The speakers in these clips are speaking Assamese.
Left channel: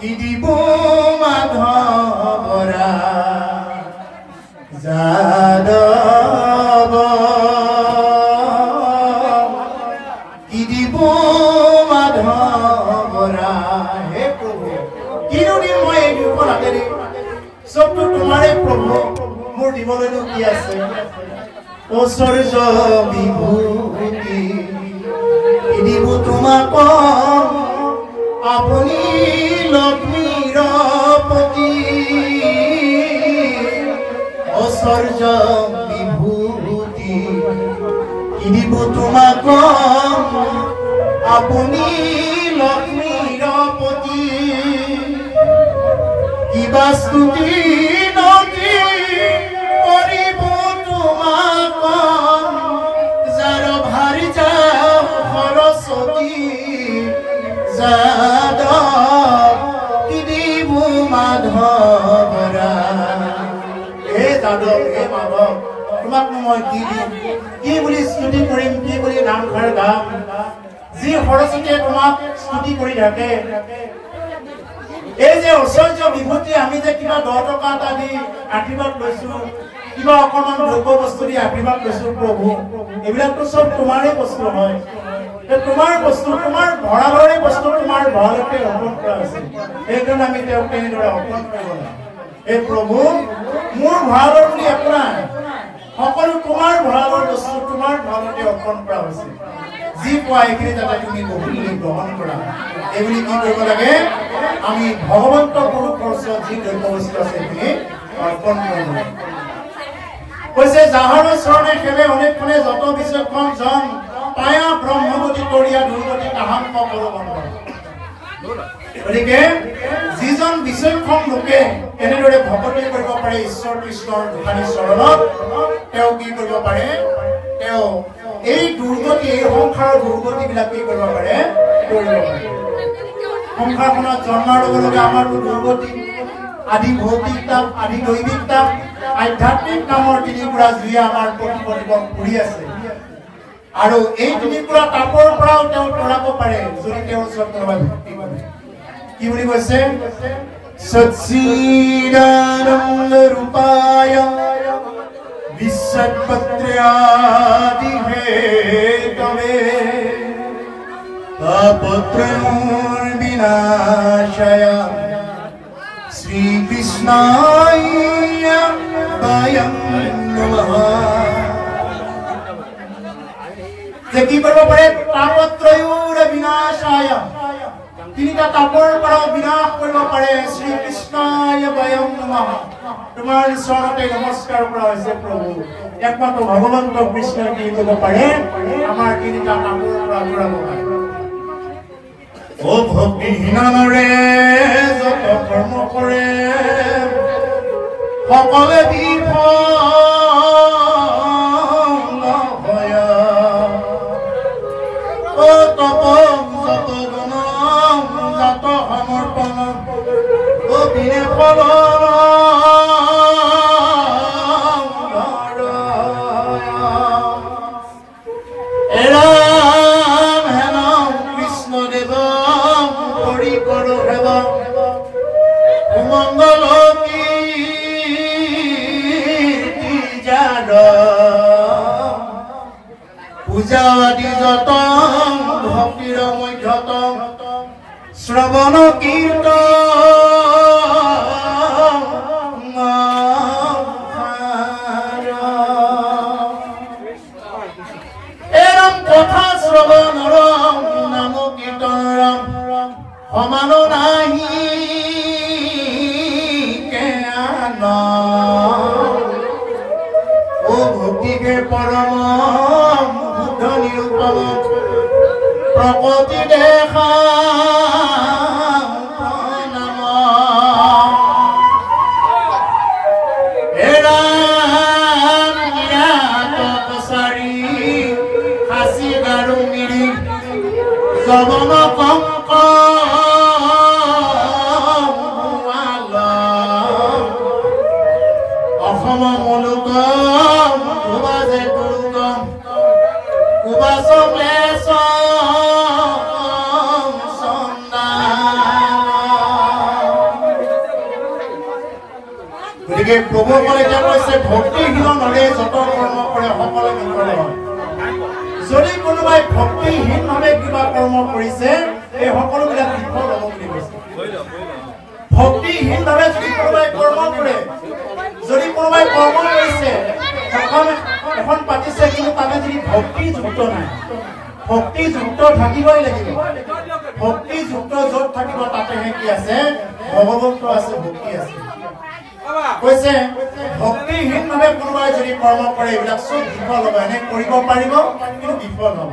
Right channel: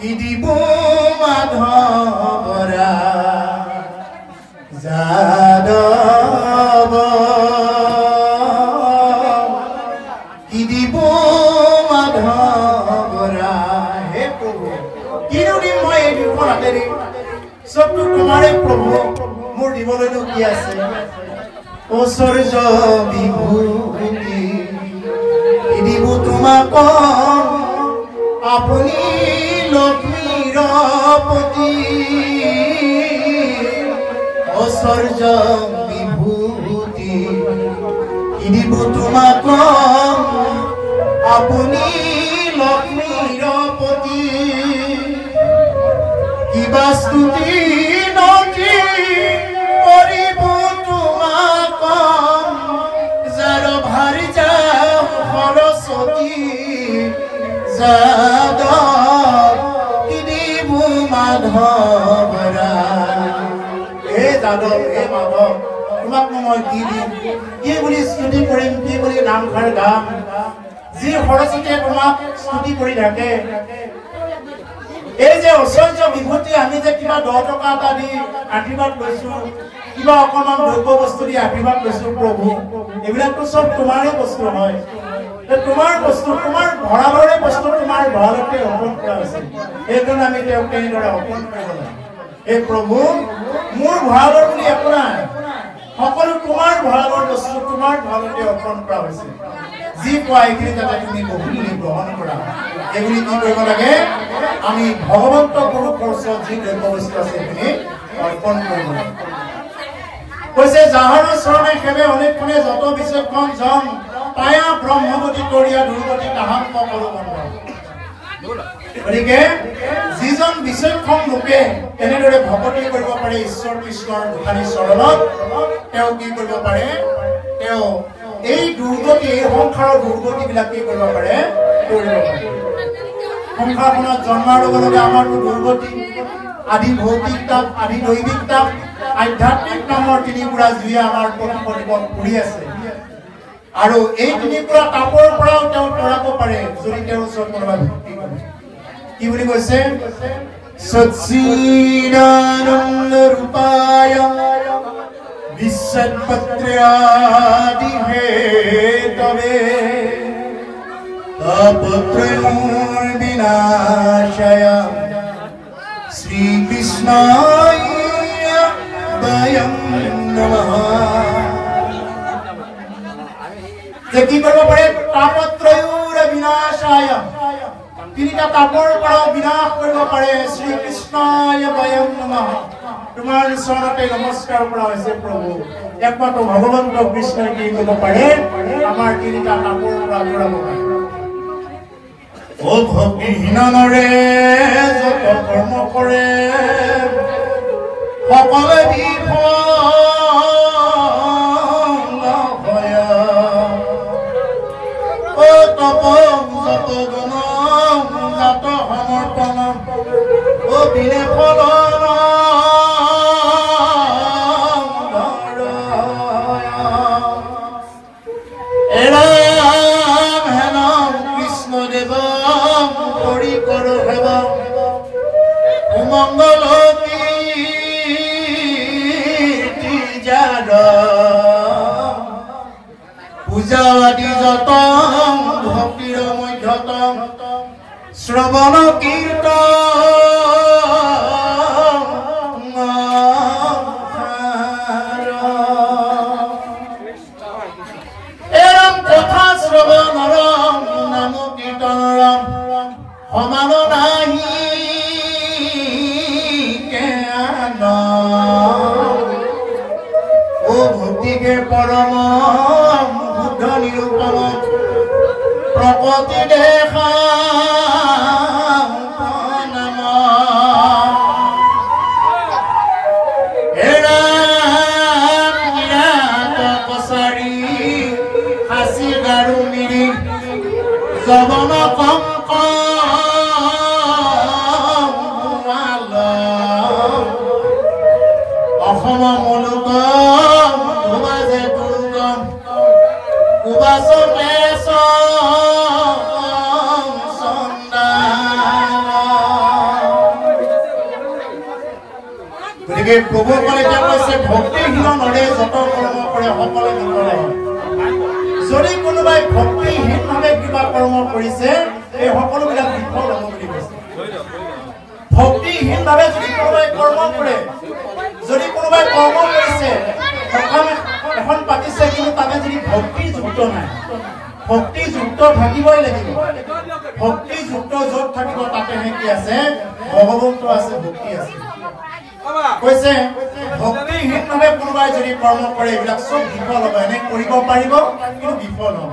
দিব মাধৱৰা যাদৱ কি দিব মাধৱৰা হে প্ৰভু কিনো দিম মই এই দুখন হাতেৰে চবটো তোমাৰে প্ৰভু মোৰ দিবলৈনো কি আছে ঐশ্বৰ্য বিভূতি কি দিব তোমাক আপুনি লক্ষ্মীৰ পতি ঐশ্বৰ্য বিভূতি কি দিব তোমাক আপুনি লক্ষ্মীৰ পতি কিবা স্তুতি নকি কৰিব তোমাক যাৰ ভাৰি যাও সৰস্বতী যাদৱ কি দিব মাধৱৰা হে যাদৱ হে মাধৱ তোমাক মই কি দিম কি বুলি স্তুতি কৰিম কি বুলি নামষাৰ গাম যি সৰস্বতীয়ে তোমাক স্তুতি কৰি থাকে এই যে ঐশ্বৰ্য বিভূতি আমি যে কিবা 10 টকা এটা দি আশীৰ্বাদ লৈছো কিবা অকণমান দ্ৰব্য বস্তু দি আশীৰ্বাদ লৈছো প্ৰভু এইবিলাকতো চব তোমাৰে বস্তু হয় তোমাৰ বস্তু তোমাৰ ভঁৰালৰে বস্তু তোমাৰ ভঁৰালতে অৰ্পণ কৰা আছে এইকাৰণে আমি তেওঁক এনেদৰে অৰ্পণ কৰিব লাগে হে প্ৰভু মোৰ ভঁৰালৰ বুলি একো নাই সকলো তোমাৰ ভঁৰালৰ বস্তু তোমাৰ ভঁৰালতে অৰ্পণ কৰা হৈছে যি পোৱা এইখিনি যাতে তুমি বহুখিনি গ্ৰহণ কৰা এইবুলি কি কৰিব লাগে আমি ভগৱন্ত পুৰুষৰ ওচৰত যি দ্ৰব্য বস্তু আছে সেইখিনি অৰ্পণ কৰিব লাগে কৈছে যাহাৰ চৰণে সেৱে অনেক কোণে যত বিচক্ষণ জন পায়া ব্ৰহ্মৱতী তৰিয়া দুৰ্গতি তাহাংক কৰো বন্ধ গতিকে যিজন বিচক্ষণ লোকে এনেদৰে ভকতি কৰিব পাৰে ঈশ্বৰ কৃষ্ণৰ দোকানী চৰণত তেওঁ কি কৰিব পাৰে তেওঁ এই দুৰ্গতি এই সংসাৰৰ দুৰ্গতি বিলাক কি কৰিব পাৰে সংসাৰখনত জন্মৰ লগে লগে আমাৰ দুৰ্গতি আদি ভৌতিক তাপ আদি দৈবিক তাপ আধ্যাত্মিক নামৰ তিনিপুৰা জুয়ে আমাৰ প্ৰতিপদ ঘূৰি আছে আৰু এই তিনিপুৰা তাপৰ পৰাও তেওঁ তৰাব পাৰে যদি তেওঁৰ ওচৰত কোনোবা ভক্তি কৰে কি বুলি কৈছে সচ্চিদানন্দ ৰূপায় বিশ্বপত্ৰ্যাদি হেতবে তাপত্ৰয়ৰ বিনাশায় শ্ৰীকৃষ্ণায় বয়ং নমঃ যে কি কৰিব পাৰে তাপত্ৰয়ৰ বিনাশায় তিনিটা তাপৰ পৰাও বিনাশ কৰিব পাৰে শ্ৰীকৃষ্ণায় বয়ং নমঃ তোমাৰ চৰণতে নমস্কাৰ কৰা হৈছে প্ৰভু একমাত্ৰ ভগৱন্ত কৃষ্ণই কি কৰিব পাৰে আমাৰ তিনিটা তাপৰ পৰা আঁতৰাব পাৰে ও ভক্তিহীনৰে যত কৰ্ম কৰে সকলে বিফল হয় ও তপ যত গুণ যত সমৰ্পণ ও বিনে ফল মঙ্গল কীৰ্তি যাৰ পূজা আদি যত ভক্তিৰ মধ্যত শ্ৰৱণ কীৰ্তন এৰম কথা শ্ৰৱণৰ নাম কীৰ্তন সমান নাহি ও ভক্তিকে পৰম বুদ্ধ নিৰূপম প্ৰকৃতি দেখা নাম এৰাম জ্ঞাত কছাৰী হাসি গাৰু মিৰি জবন কংক অসম মুলুক গতিকে প্ৰভুসকলে এতিয়া কৈছে ভক্তিহীন নৰে যত কৰ্ম কৰে সকলো বিফল হয় যদি কোনোবাই ভক্তিহীনভাৱে কিবা কৰ্ম কৰিছে এই সকলোবিলাক বিফল হ'ব বুলি কৈছে ভক্তিহীনভাৱে যদি কোনোবাই কৰ্ম কৰে যদি কোনোবাই কৰ্ম কৰিছে এখন পাতিছে কিন্তু তাতে যদি ভক্তিযুক্ত নাই ভক্তিযুক্ত থাকিবই লাগিব ভক্তিযুক্ত য'ত থাকিব তাতেহে কি আছে ভগৱন্ত আছে ভক্তি আছে কৈছে ভক্তিহীনভাৱে কোনোবাই যদি কৰ্ম কৰে এইবিলাক চব বিফল হ'ব এনে কৰিব পাৰিব কিন্তু বিফল হ'ব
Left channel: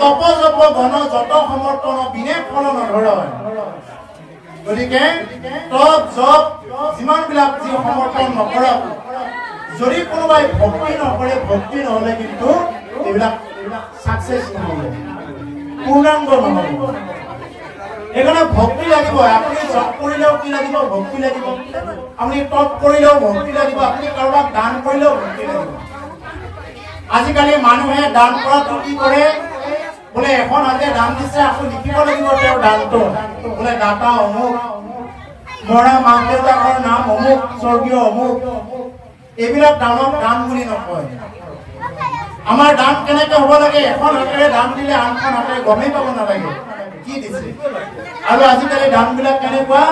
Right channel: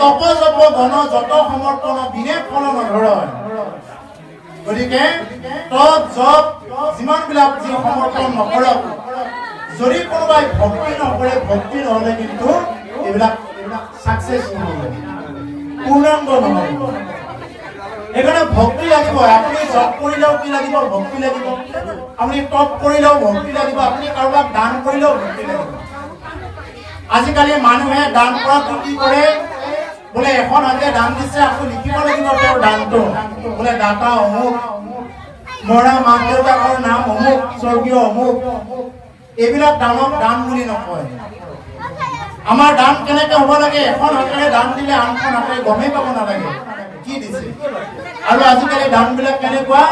তপ জপ গণ যত সমৰ্পণ বিনে ফল নধৰয় গতিকে তপ জপ যিমানবিলাক যি সমৰ্পণ নকৰক যদি কোনোবাই ভক্তি নকৰে ভক্তি নহ'লে কিন্তু এইবিলাক সাকসেস নহ'ব পূৰ্ণাংগ নহ'ব এখানে ভক্তি লাগিব আপুনি জপ কৰিলেও কি লাগিব ভক্তি লাগিব আপুনি তপ কৰিলেও ভক্তি লাগিব আপুনি কাৰোবাক দান কৰিলেও ভক্তি লাগিব আজিকালি মানুহে দান কৰাটো কি কৰে বোলে এখন হাতে দান দিছে আকৌ লিখিব লাগিব তেওঁৰ দানটো বোলে দাতা অমুক মৰা মাক দেউতাকৰ নাম অমুক স্বৰ্গীয় অমুক এইবিলাক দানক দান বুলি নকয় আমাৰ দান কেনেকৈ হ'ব লাগে এখন হাতেৰে দান দিলে আনখন হাতেৰে গমেই পাব নালাগে কি দিছে আৰু আজিকালি দানবিলাক কেনেকুৱা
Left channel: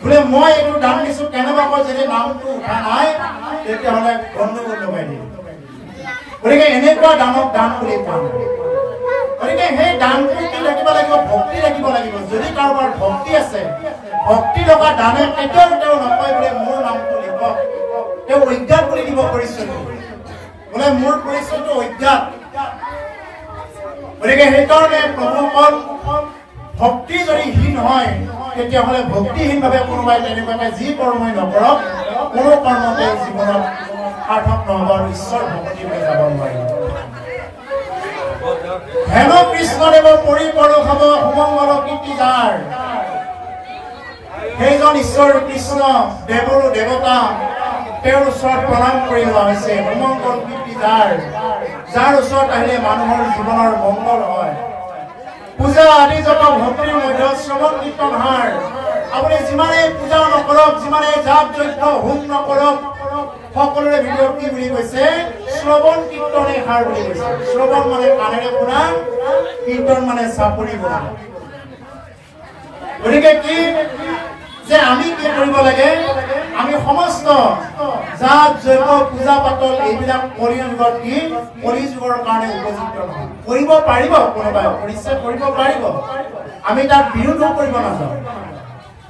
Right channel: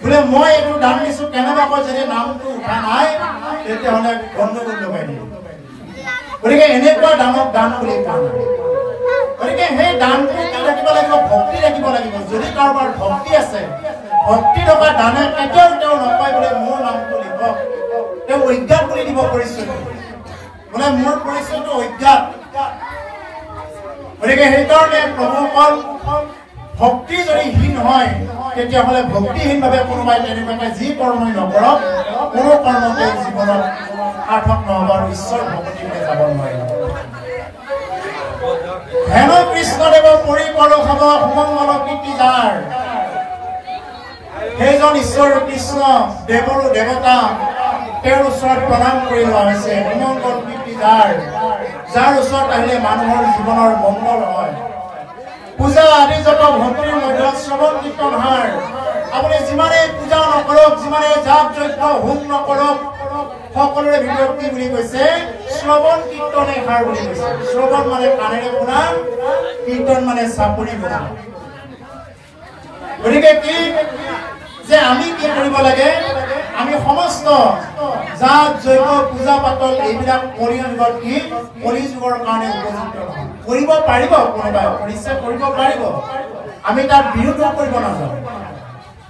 বোলে মই এইটো দান দিছোঁ কেনেবাকৈ যদি নামটো উঠা নাই তেতিয়াহ'লে গণ্ডগোল লগাই দিয়ে গতিকে এনেকুৱা দানক দান বুলি কোৱা নাই গতিকে সেই দানটো কি ৰাখিব লাগিব ভক্তি ৰাখিব লাগিব যদি কাৰোবাৰ ভক্তি আছে ভক্তি থকা দানে কেতিয়াও তেওঁ নকয় বোলে মোৰ নামটো লিখক তেওঁ অজ্ঞাত বুলি দিব পৰিচয় বোলে মোৰ পৰিচয়টো অজ্ঞাত গতিকে সেইকাৰণে প্ৰভুসকল ভক্তি যদি হীন হয় তেতিয়াহ'লে ভক্তিহীনভাৱে কোনোবাই তেনেকুৱাকে যি কৰ্মই নকৰক কোনো কৰ্মতে জীৱনত সাৰ্থক নহ'ব আৰু ঈশ্বৰ ভক্তিলৈ যাব নোৱাৰিব হেন কৃষ্ণদেৱৰ পৰিকৰ খাব সুমংগল কীৰ্তি যাৰ সেইজন ঈশ্বৰ কৃষ্ণ দেৱৰো দেৱতা তেওঁৰ ওচৰত প্ৰণাম কৰি লোৱা হৈছে সুমংগল কীৰ্তি যাৰ ওচৰত আহিলে মানুহৰ জীৱনৰ মংগল হয় পূজা আদি যত ভক্তিৰ মধ্যত শ্ৰৱণ কীৰ্তন হাৰ আপুনি যিমানেই পূজা নকৰক যিমানেই যাগ যজ্ঞ হোম নকৰক সকলোৰে ভিতৰত কি বুলি কৈছে শ্ৰৱণ কীৰ্তনে হাৰ বুলি কৈছে শ্ৰৱণ মানে কাণেৰে শুনা কীৰ্তন মানে চাপৰি বজা গতিকে কি যে আমি কি কৰিব লাগে আমি সমস্ত যাগ যজ্ঞ পূজা পাতল এইবিলাক কলিযুগত কি কলিযুগৰ কাৰণে উপযুক্ত কৰিব পাৰিব কোনোবাই পৰিচা কৰিব পাৰিব আমি তাক বিৰোধ কৰিব নাযাওঁ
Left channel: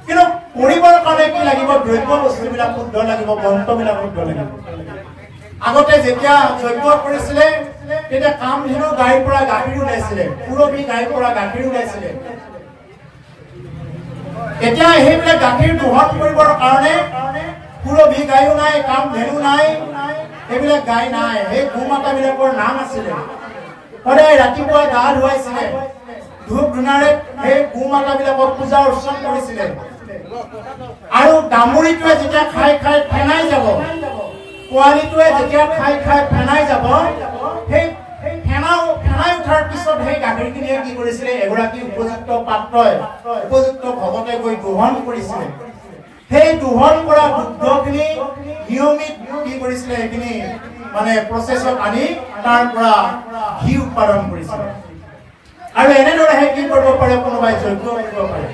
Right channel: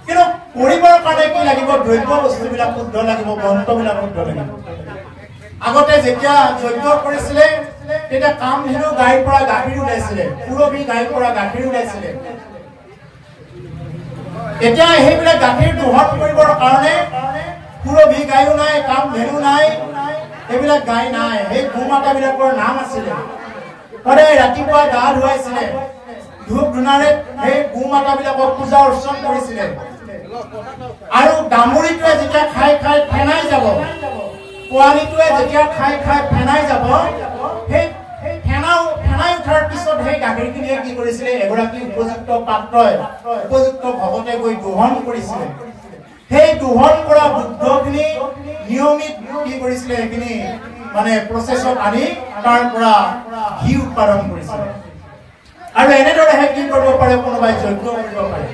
কিন্তু কৰিবৰ কাৰণে কি লাগিব দ্ৰব্য বস্তুবিলাক শুদ্ধ লাগিব গ্ৰন্থবিলাক শুদ্ধ লাগিব আগতে যেতিয়া যজ্ঞ কৰিছিলে তেতিয়া কামধেনু গাইৰ পৰা গাখীৰ ওলাইছিলে পুৰবী গাইৰ পৰা গাখীৰ ওলাইছিলে এতিয়া সেইবিলাক গাখীৰ দোহন কৰিবৰ কাৰণে পুৰবী গায়ো নাই কামধেনু নাই এইবিলাক গাই নাই সেই গোমাতাবিলাকৰ নাম আছিলে সদায় ৰাতিপুৱা গা ধুৱাইছিলে ধূপ ধূনাৰে সেই গোমাতাবিলাকক পূজা অৰ্চন কৰিছিলে আৰু ডামুৰিটোৱে যেতিয়া খাই খাই ফেনাই যাব পোৱালিটোৱে যেতিয়া খাই খাই ফেনাই যাব সেই ফেনাই উঠাৰ পিছত সেই গাখীৰখিনিয়ে কি কৰিছিলে এগৰাকী উপযুক্ত পাত্ৰই উপযুক্ত ভকতে গৈ দোহন কৰিছিলে সেই দোহন কৰা দুগ্ধখিনি নিয়মিত কি কৰিছিলে সেইখিনি মানে প্ৰচেছত আনি তাৰ পৰা ঘি উৎপাদন কৰিছিলে আৰু এনেদৰে কি কৰিব পাৰে কোনোবাই যজ্ঞ কৰিব পাৰে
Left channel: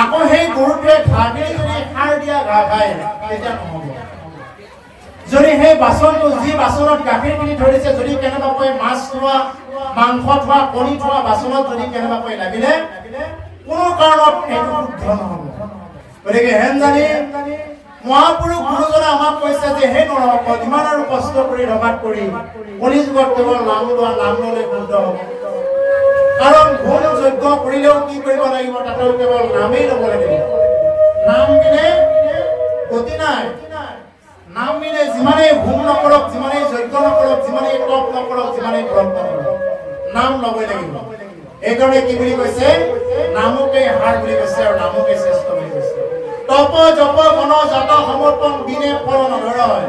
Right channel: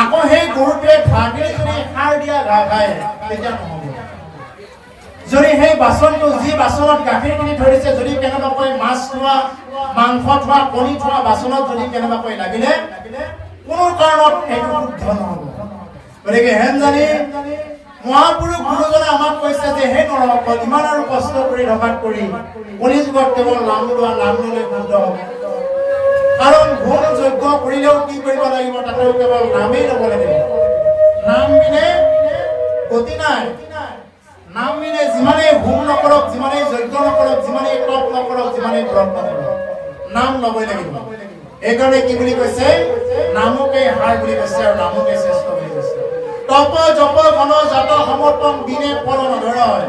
আকৌ সেই গৰুটোৱে ঘাঁহখিনি যদি সাৰ দিয়া ঘাঁহ খায় তেতিয়া নহ'ব যদি সেই বাচনটো যি বাচনত গাখীৰখিনি ধৰিছে যদি কেনেবাকৈ মাছ থোৱা মাংস থোৱা কণী থোৱা বাচনত যদি কেনেবাকৈ লাগিলে কোনো কাৰণত সেইটো শুদ্ধ নহ'ব গতিকে হেন জানি মহাপুৰুষ গুৰুজনে আমাক কৈছে যে হে নৰসকল ইমান আৰু কষ্ট কৰি ৰগাত কৰি কলিযুগত কেৱল নাম লোৱা নাম ল'লে শুদ্ধ হ'ব কাৰণ হোম যজ্ঞ কৰিলেও কি কৰিব লাগিব তাতেও কেৱল নামেই ল'ব লাগিব নাম বিনে গতি নাই নাম বিনে যিমানেই হোম নকৰক যিমানেই যজ্ঞ নকৰক যিমানেই তপ নকৰক যিমানেই ব্ৰত নকৰক নাম ল'বই লাগিব এইকাৰণে কি বুলি কৈছে নামকে হাৰ বুলি কৈছে আৰু নামকে শ্ৰেষ্ঠ বুলি কৈছে তপ জপ গণ জাত সমৰ্পণ বিনে ফল নধৰয়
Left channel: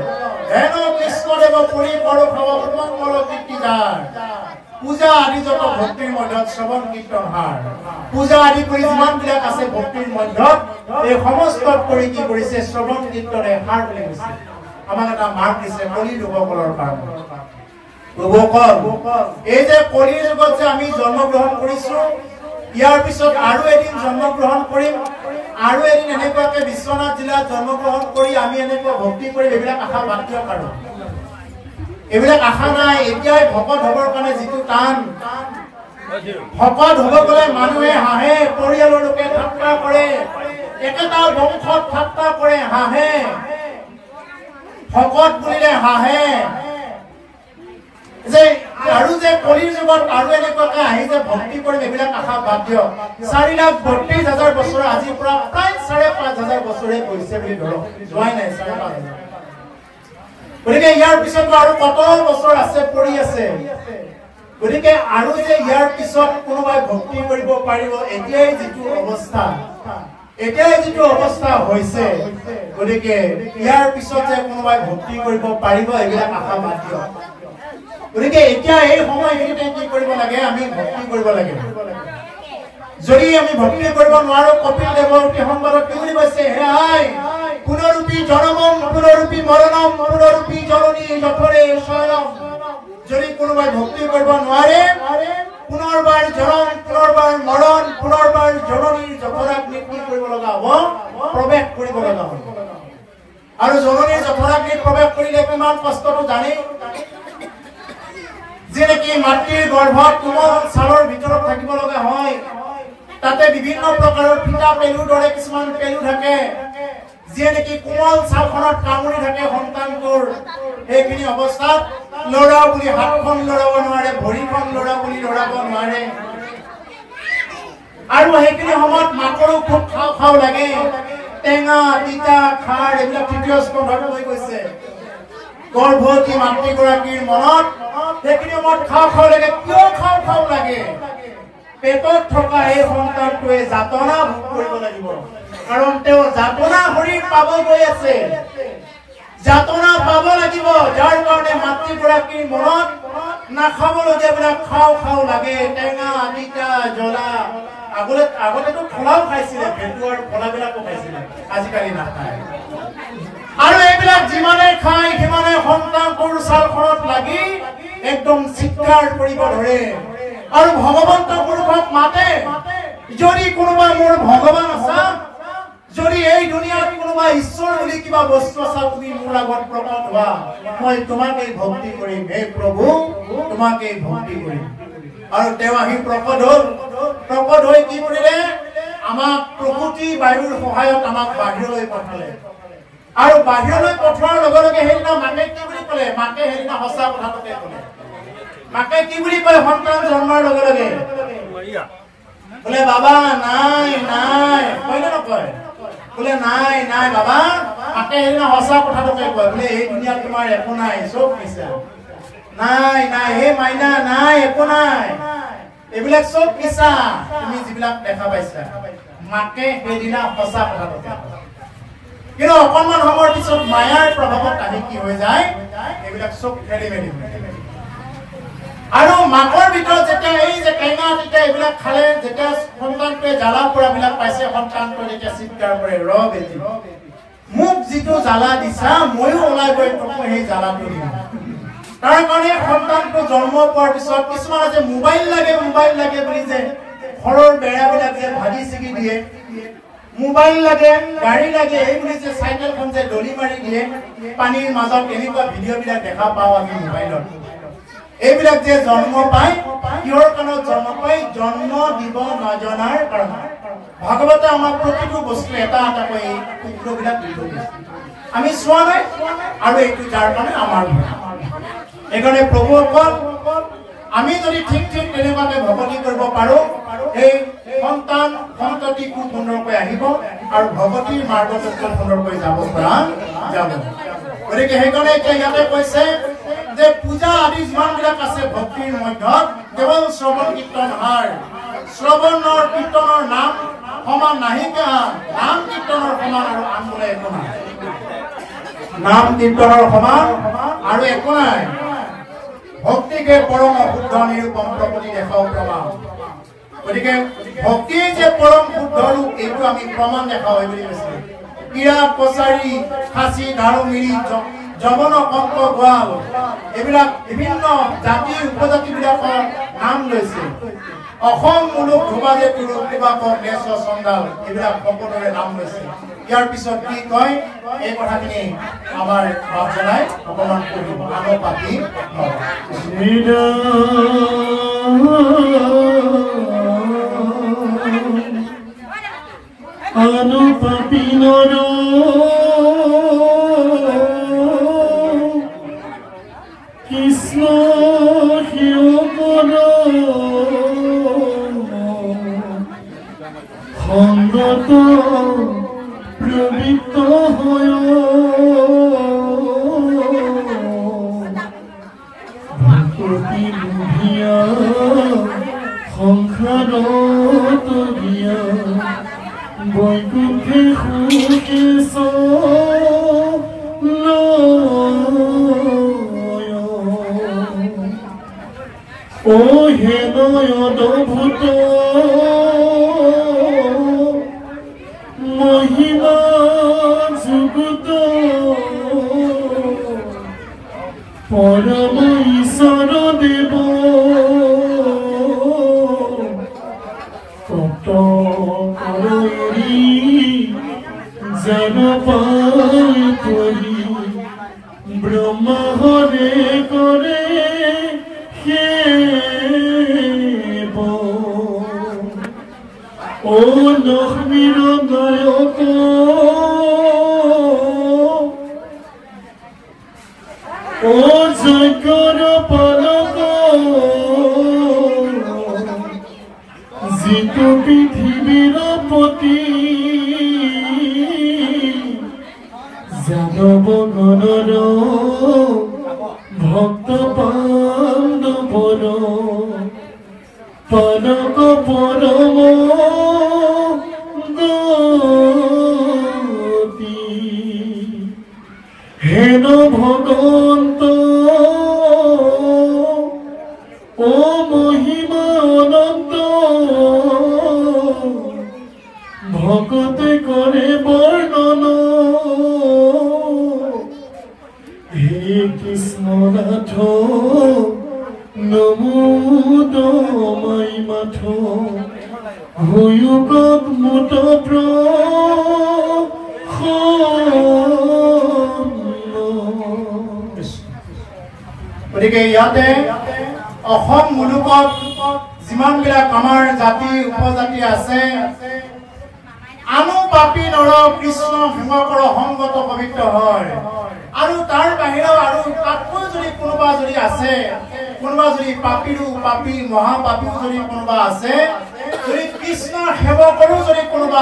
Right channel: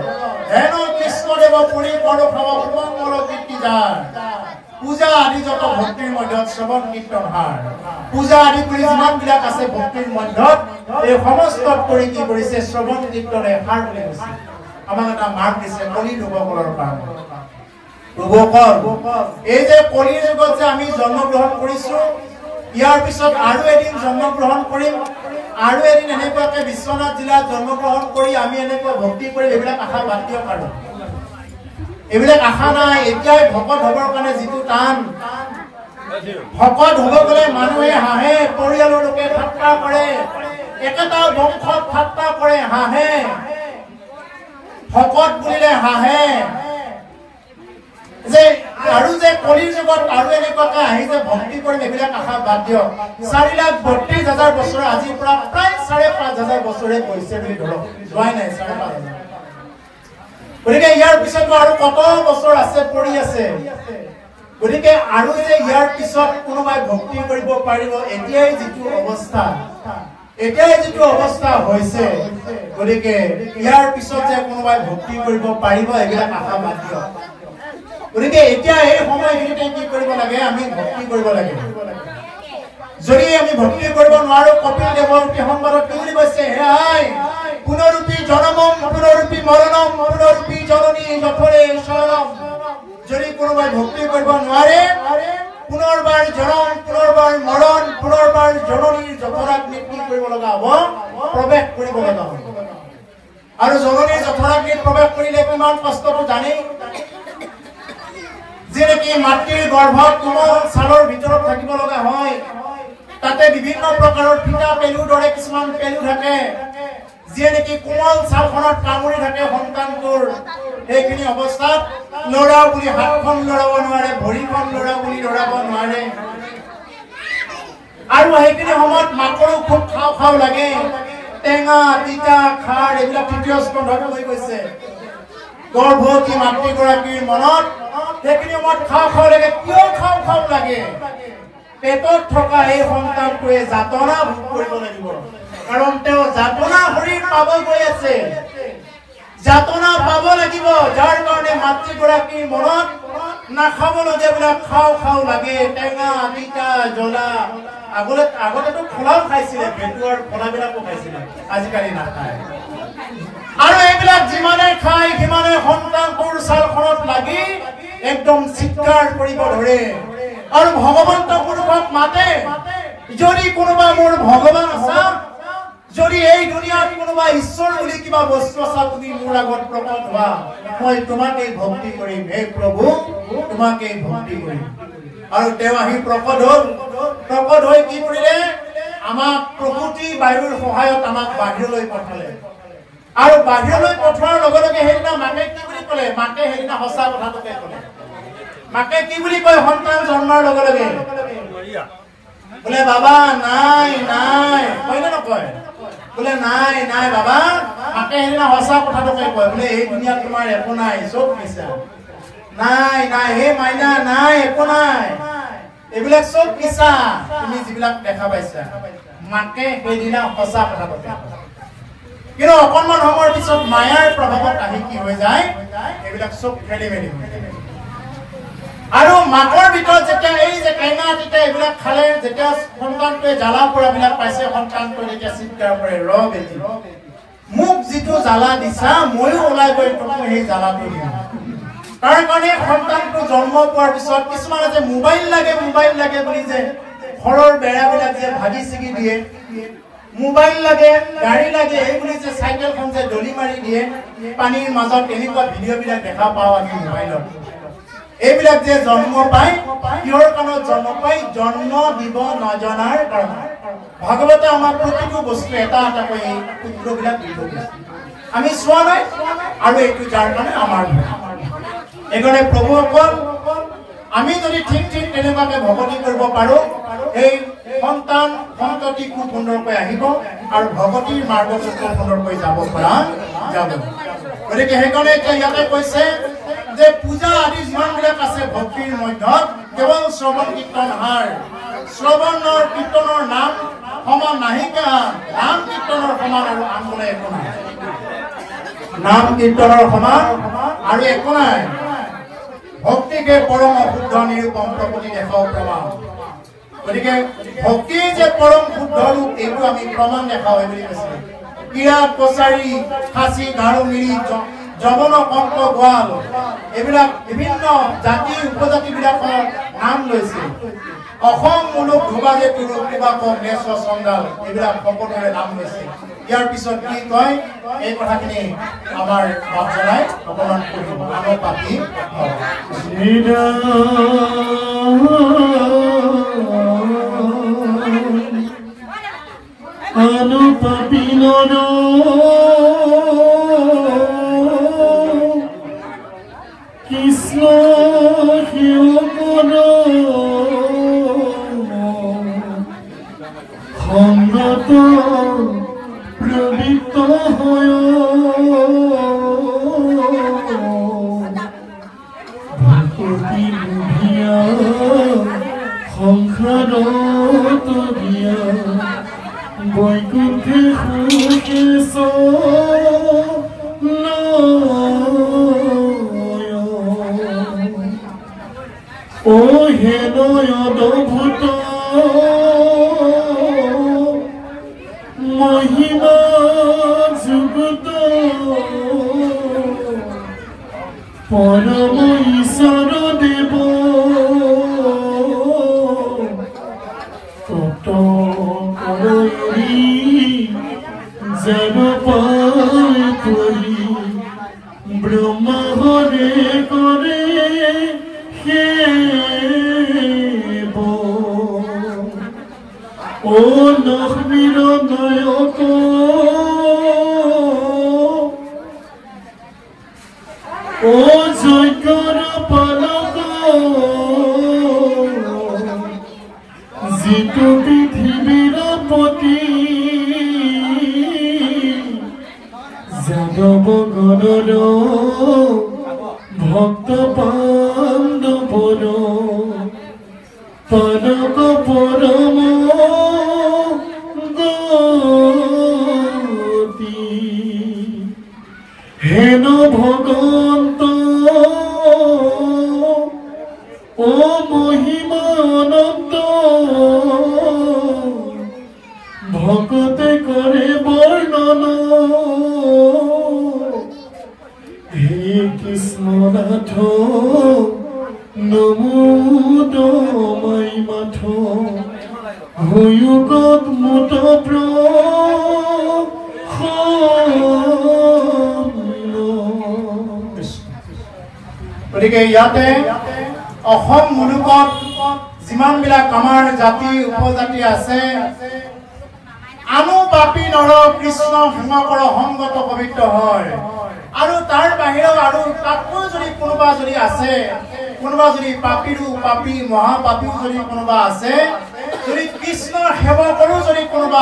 হেন কৃষ্ণদেৱ পৰি কৰ খাব সুমংগল কীৰ্তি যাৰ পূজা আদি যত ভক্তিৰ মধ্যত শ্ৰৱণ কীৰ্তন হাৰ পূজা আদি কৰি যিমান বিলাক আছে ভক্তিৰ মধ্যত এই সমস্ত কৰি কি কৰিছে শ্ৰৱণ কীৰ্তনে হাৰ বুলি কৈছে আমাক এটা মাৰ্ক দিছে কলি লোকসকলৰ কাৰণে প্ৰভুসকল এই যে কলিৰ যুগত যে আমি জন্মগ্ৰহণ কৰিছো ইয়াৰ পিছত আৰু এদিন জন্মগ্ৰহণ কৰিম আৰু এদিন এনেকুৱাকে বিশ্বনাথ জিলাত জন্মগ্ৰহণ কৰি আমি এনেকুৱা ভক্তি কৰি এইবিলাক আশা বাদ দিব পাৰো এইবিলাক আশা নাই এতিয়াই ভকত হবৰ কাৰণে যিটো টান ভকত হব গলে মানুহে হাঁহে পৰিয়ালৰ লোকে ঠাট্টা কৰে একেটা বংশত ঠাট্টা কৰে হাঁহে ভকত বুলিলে হাঁহে যে আৰু যে কলিৰ যুগত আৰু এনেকুৱাকে আহি যে ভক্তি কৰি এইবিলাক আশা বাদ দিয়ক 4,32,000 বছৰ আজিৰ পৰা প্ৰায় 5,500 বছৰে গৈছে বুলি ধৰক যোৱাই নাই 5,500 গতিকে ইয়াৰ পিছত আৰু কত বছৰ আছে পৰি আছে গতিকে আৰু যে ইয়াৰ পিছত কোনোবাই ভক্তি কৰিব পাৰিব এতিয়াই যিটো অৱস্থা হৈছে গতিকে ইয়াৰ পিছত যে কোনোবাই ভক্তি কৰিব পাৰিব এইবিলাক আশা বাদ দিয়ক গতিকে এতিয়া এই সময়খিনিতে কি কৰিব লাগে আমি ভক্তি কৰিব লাগে যদি আমি ভক্তি কৰিব নোৱাৰো কপিল দেৱৰ সংবাদত কি বুলি কৈছে হে আই পুনৰূপী জনমম পুনৰূপী মৰণম পুনৰূপী জননী যথৰে শৰম যদি কোনোবাই ভক্তি কৰিব নোৱাৰে পুনৰবাৰ জনম পুনৰবাৰ মৰণ পুনৰবাৰ জননীৰ যথৰাগ্নিত কি কৰিব লগা হ'ব প্ৰৱেশ কৰিব লগা হ'ব আৰু জননীৰ যথৰাগ্নিত প্ৰৱেশ কৰিলে কিমান কষ্টটো জানে যেনেকি মাতৃৰ গৰ্ভত কোমল ছালৰ ভিতৰত থাকিব লগা হয় তাতে বিভিন্ন প্ৰকাৰৰ ফিটা পেলুৰ দৰে কিছুমান পেলু থাকে যেনেকি কোমল ছালখনত কামুৰি থাকে সন্তানটোৰ সেইখিনি অৱস্থাত লৰা বুলি হাতখন লৰাব নোৱাৰে ভৰিখন লৰা বুলি লৰাব নোৱাৰে আৰু সেইখিনি সময়ত মাকৰো খুব খাও লাগে টেঙা তিতা খাৰ এইবিলাক তৃতীয় স্কন্ধত হৈ গৈছে গৰ্ভৱতী মাতৃগৰাকীৰ মনত সেইখিনি সময়ত খাও লাগে কিয় খাও লাগে পেটত থকা এই সন্তানটোৱে যাতনা ভোগ কৰিব লাগিব কাৰণ তেওঁ যাতনা শৰীৰ পাব গৈ আছে যাতনা পাব লাগিব যাৰ কাৰণে মাতৃগৰাকীৰ মনত নাখাবলগীয়া বিলাক খাও লাগে টেঙা তিতা জ্বলা আগতেতো খোলাও খাইছিলে ভেটুৱাৰ ফলাবিলাকো খাইছিলে আজিকালি নাখায় আৰু এইবিলাক যিমানে খায় সিমানে সন্তানটোৰ ছালখনত লাগি একদম চিৎকাৰ কৰিব ধৰে আৰু ভগৱন্ত পুৰুষক মাতে যদি কোনোবা মোৰ ভগৱান আছা যদি এই দুনিয়াত কোনোবা ঈশ্বৰ বুলি কিবা বস্তু আছা তুমি মোৰ আগত প্ৰকট হোৱা মই তোমাকে ভক্তি কৰিম হে প্ৰভু তোমাকে ভক্তি কৰিম আৰু তেওঁ আহি প্ৰকট হৈ কি কৰিলে আমাক প্ৰকৃতি বায়ুৰ সহায়ত আমাক বাহিৰলৈ পঠালে আৰু বাহিৰলৈ পঠোৱাৰ লগে লগে সেইদিনা মাকে কি বুলি ক'লে মাকে সেইদিনা সঁচা কথাটোকে ক'লে মাকে কি বুলি কয় সন্তান জন্মৰ লগে লগে বোলে বাবা নাই কয় নে নকয় বোলে নাই বাবা মাকে সেইদিনা সঁচা কথাটোকে কয় বোলে এই দুনিয়াত তোমাৰ একো নাই চব মিছা নাই হে মাইনা নাই একো নাই এইবিলাক চব মিছা তুমি যিবিলাক দেখা পাইছা মাকে সেইদিনা সঁচা কথাটোকে কিন্তু অকণমান সময়ৰ পিছত মায়াৰ প্ৰভাৱত আহি কি হৈ যায় এইবিলাক চব খেলি মেলি হৈ যায় আৰু মাকৰ ভিতৰত যেতিয়া এই যে টেঙা তিতা এইবিলাক খালে যেতিয়া সন্তানটোৱে জ্বালা পোৰাবিলাক পাইছে সন্তানটোৱে যেতিয়া চিৎকাৰ কৰে ৰ বেটি মোক যিটো জ্বালা দিছা ময়ো ওলাই গৈ তোক সেই জ্বালাটো দিম তাৰ কাৰণে সন্তানটো জন্ম পোৱাৰ পিছত কিছুমানে যে মোবাইল লাগে বুলি যে ঘৰৰ বেৰাবিলাক যে ভাগি ছিগি দিয়ে মোবাইল লাগে গাড়ী লাগে এই বুলি যে চাইকেলখন যে দলি মাৰি দিয়ে পানীৰ মাজত এনেকুৱা ভিডিঅ'বিলাক দেখা পাওঁ আমি মোবাইলত এইবিলাক যে জন্ম পায় কিহৰ কাৰণত জন্ম পায় জন্ম দিব নজনাৰ কাৰণে ভাগৱতে আমাক প্ৰতিটো বস্তু এটা কৈ সূত্ৰবিলাক দি থৈছে আমি চোৱা নাই আৰু এইটো যাৰ কাৰণে আমাৰ এইকাৰণে প্ৰভুসকল আমি যদি ঠিক তেনেকুৱাকে ভকতি কৰিব পাৰো এই সন্তান সন্ততি খুব সুন্দৰকৈ আহিব আৰু ভগৱতীৰ মাৰ্গত খুব সুন্দৰকৈ যাব পৰা যাব গতিকে সেইকাৰণে এতিয়া ইয়াতে কৈছে যে পূজা আদি যিমানবিলাক আছে ভক্তিৰ মধ্যত কেৱল শ্ৰৱণ কীৰ্তন হাৰ শ্ৰৱণৰ কীৰ্তনৰ নাম সমান নাহিকা নাম কীৰ্তনৰ সমান আৰু আন বোলে একো নাই নাম কীৰ্তনৰ সমান আৰু একো নাই ভক্তিকে পৰম শুদ্ধ নিৰূপম প্ৰকৃতি দেখাও প্ৰমাণ গতিকে ভক্তি যে পৰম শুদ্ধ ৰূপ এইটো আমি প্ৰমাণ দেখাও বুলি কৈছে কিৰা কছাৰী খাচী ধাৰু মিৰি জবন কংক গোৱাল এইবিলাক বিভিন্ন জাতি উপজাতি বিলাকৰ নাম লৈছে অসম মূলক ধোবাজে তুৰু কিবাকক নেচ চন্দাল এইবিলাক সকলোৰে নাম লৈছে ইয়াৰ পিছত কি কয় এই কথাখিনি আমাৰ বাপজনাই অকমান কৰিব আনো পাতি আনো পাতি নৰো কৃষ্ণ শিৱ সংগত প্ৰবৃত্ত হয় ভকতি লোভিয়া সংসাৰত দিয়া বৈকুণ্ঠে সুখে ও হে নয়নভূত মহিমা যুগত পৰম ঈশ্বৰ দেৱ তত কৰি জন পাই কৰি ব্ৰহ্মা হৰে কৰে ও লক্ষ্মীৰ নায়ক ও যজ্ঞৰ পালক যিটো পৃথিবীৰ পতি যাদৱ গণৰ ভক্ত পাণ্ডৱৰ পালক পৰম গতি হেন ভগৱন্ত ও মহিমা অনন্ত ভকতে কৰে বৰ্ণন হে কৃষ্ণ নাথ নমো দমাই মাথ হয়ুগত মুত গতিকে ইয়াতে অসম মুলুকত যিমানবিলাক আমাৰ জাতি উপজাতি আছে আনো পাপী নৰ কৃষ্ণ হিমকৰ সংগত পবিত্ৰ হয় আৰু তাৰ বাহিৰেও আৰু তাতকৈ যদি কোনোবা যদি আছে কোনোবা যদি পাপীৰো পাপী মহাপাপীও যদি কোনোবা আছে যদি কৃষ্ণৰ সেৱকৰো যদি কোনোবা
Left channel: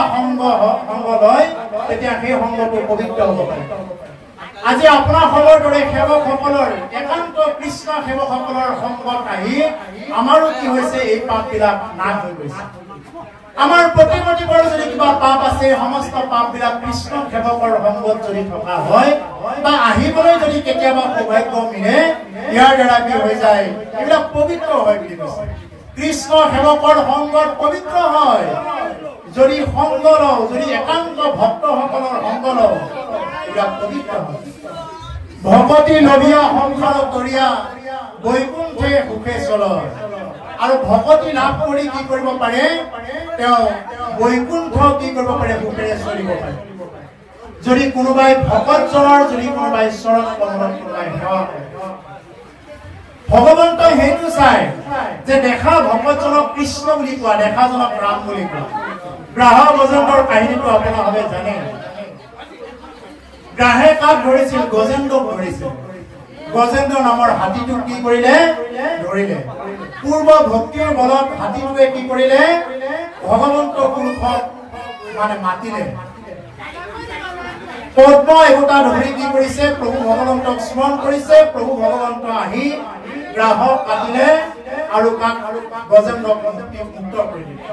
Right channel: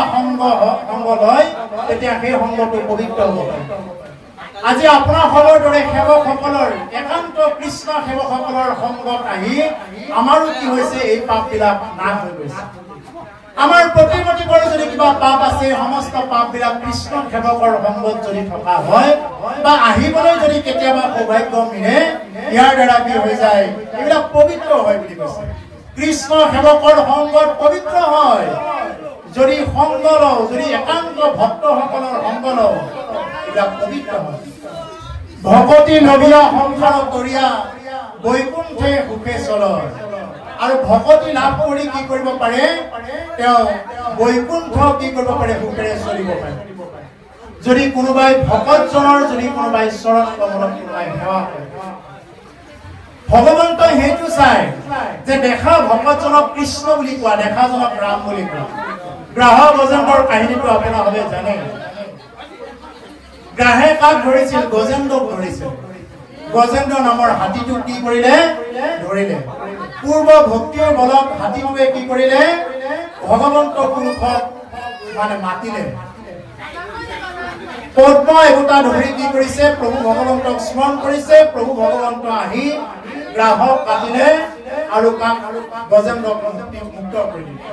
সংগ লয় তেতিয়া সেই সংগটো পবিত্ৰ হ'ব আজি আপোনাসকলৰ দৰে সেৱকসকলৰ একান্ত কৃষ্ণ সেৱকসকলৰ সংগত আহি আমাৰো কি হৈছে এই পাপবিলাক নাশ হৈ গৈছে আমাৰ প্ৰতিমতি কৰি যদি কিবা পাপ আছে সমস্ত পাপবিলাক কৃষ্ণ সেৱকৰ সংগত যদি থকা হয় বা আহিবলৈ যদি কেতিয়াবা সৌভাগ্য মিলে ইয়াৰ দ্বাৰা কি হৈ যায় এইবিলাক পবিত্ৰ হয় বুলি কৈছে কৃষ্ণ সেৱকৰ সংগত পবিত্ৰ হয় যদি সংগ লওঁ যদি একান্ত ভক্তসকলৰ সংগ লওঁ এইবিলাক পবিত্ৰ হয় ভকতি নবিয়া সংসাৰ কৰিয়া বৈকুণ্ঠে সুখে চলয় আৰু ভকতি লাভ কৰি কি কৰিব পাৰে তেওঁ বৈকুণ্ঠ কি কৰিব পাৰে সুখেৰে চলিব পাৰে যদি কোনোবাই ভকতজনৰ যদি কোনোবাই চৰণ কমলত কোনোবাই সেৱা কৰে ভগৱন্তই সেইটো চাই যে দেখা ভকতজনক কৃষ্ণ বুলি কোৱা দেখাজনক ৰাম বুলি কোৱা গ্ৰাহ গজেন্দ্ৰৰ কাহিনীটো আপোনালোকে জানে গ্ৰাহে কাক ধৰিছিল গজেন্দ্ৰক ধৰিছিল গজেন্দ্ৰ নামৰ হাতীটোক কি কৰিলে ধৰিলে পূৰ্ব ভক্তিৰ বলত হাতীটোৱে কি কৰিলে ভগৱন্ত পুৰুষক মানে মাতিলে পদ্ম এগোটা ধৰি কি কৰিছে প্ৰভু ভগৱন্তক স্মৰণ কৰিছে প্ৰভু ভগৱন্ত আহি গ্ৰাহক কাটিলে আৰু গজেন্দ্ৰক মুক্ত কৰি দিলে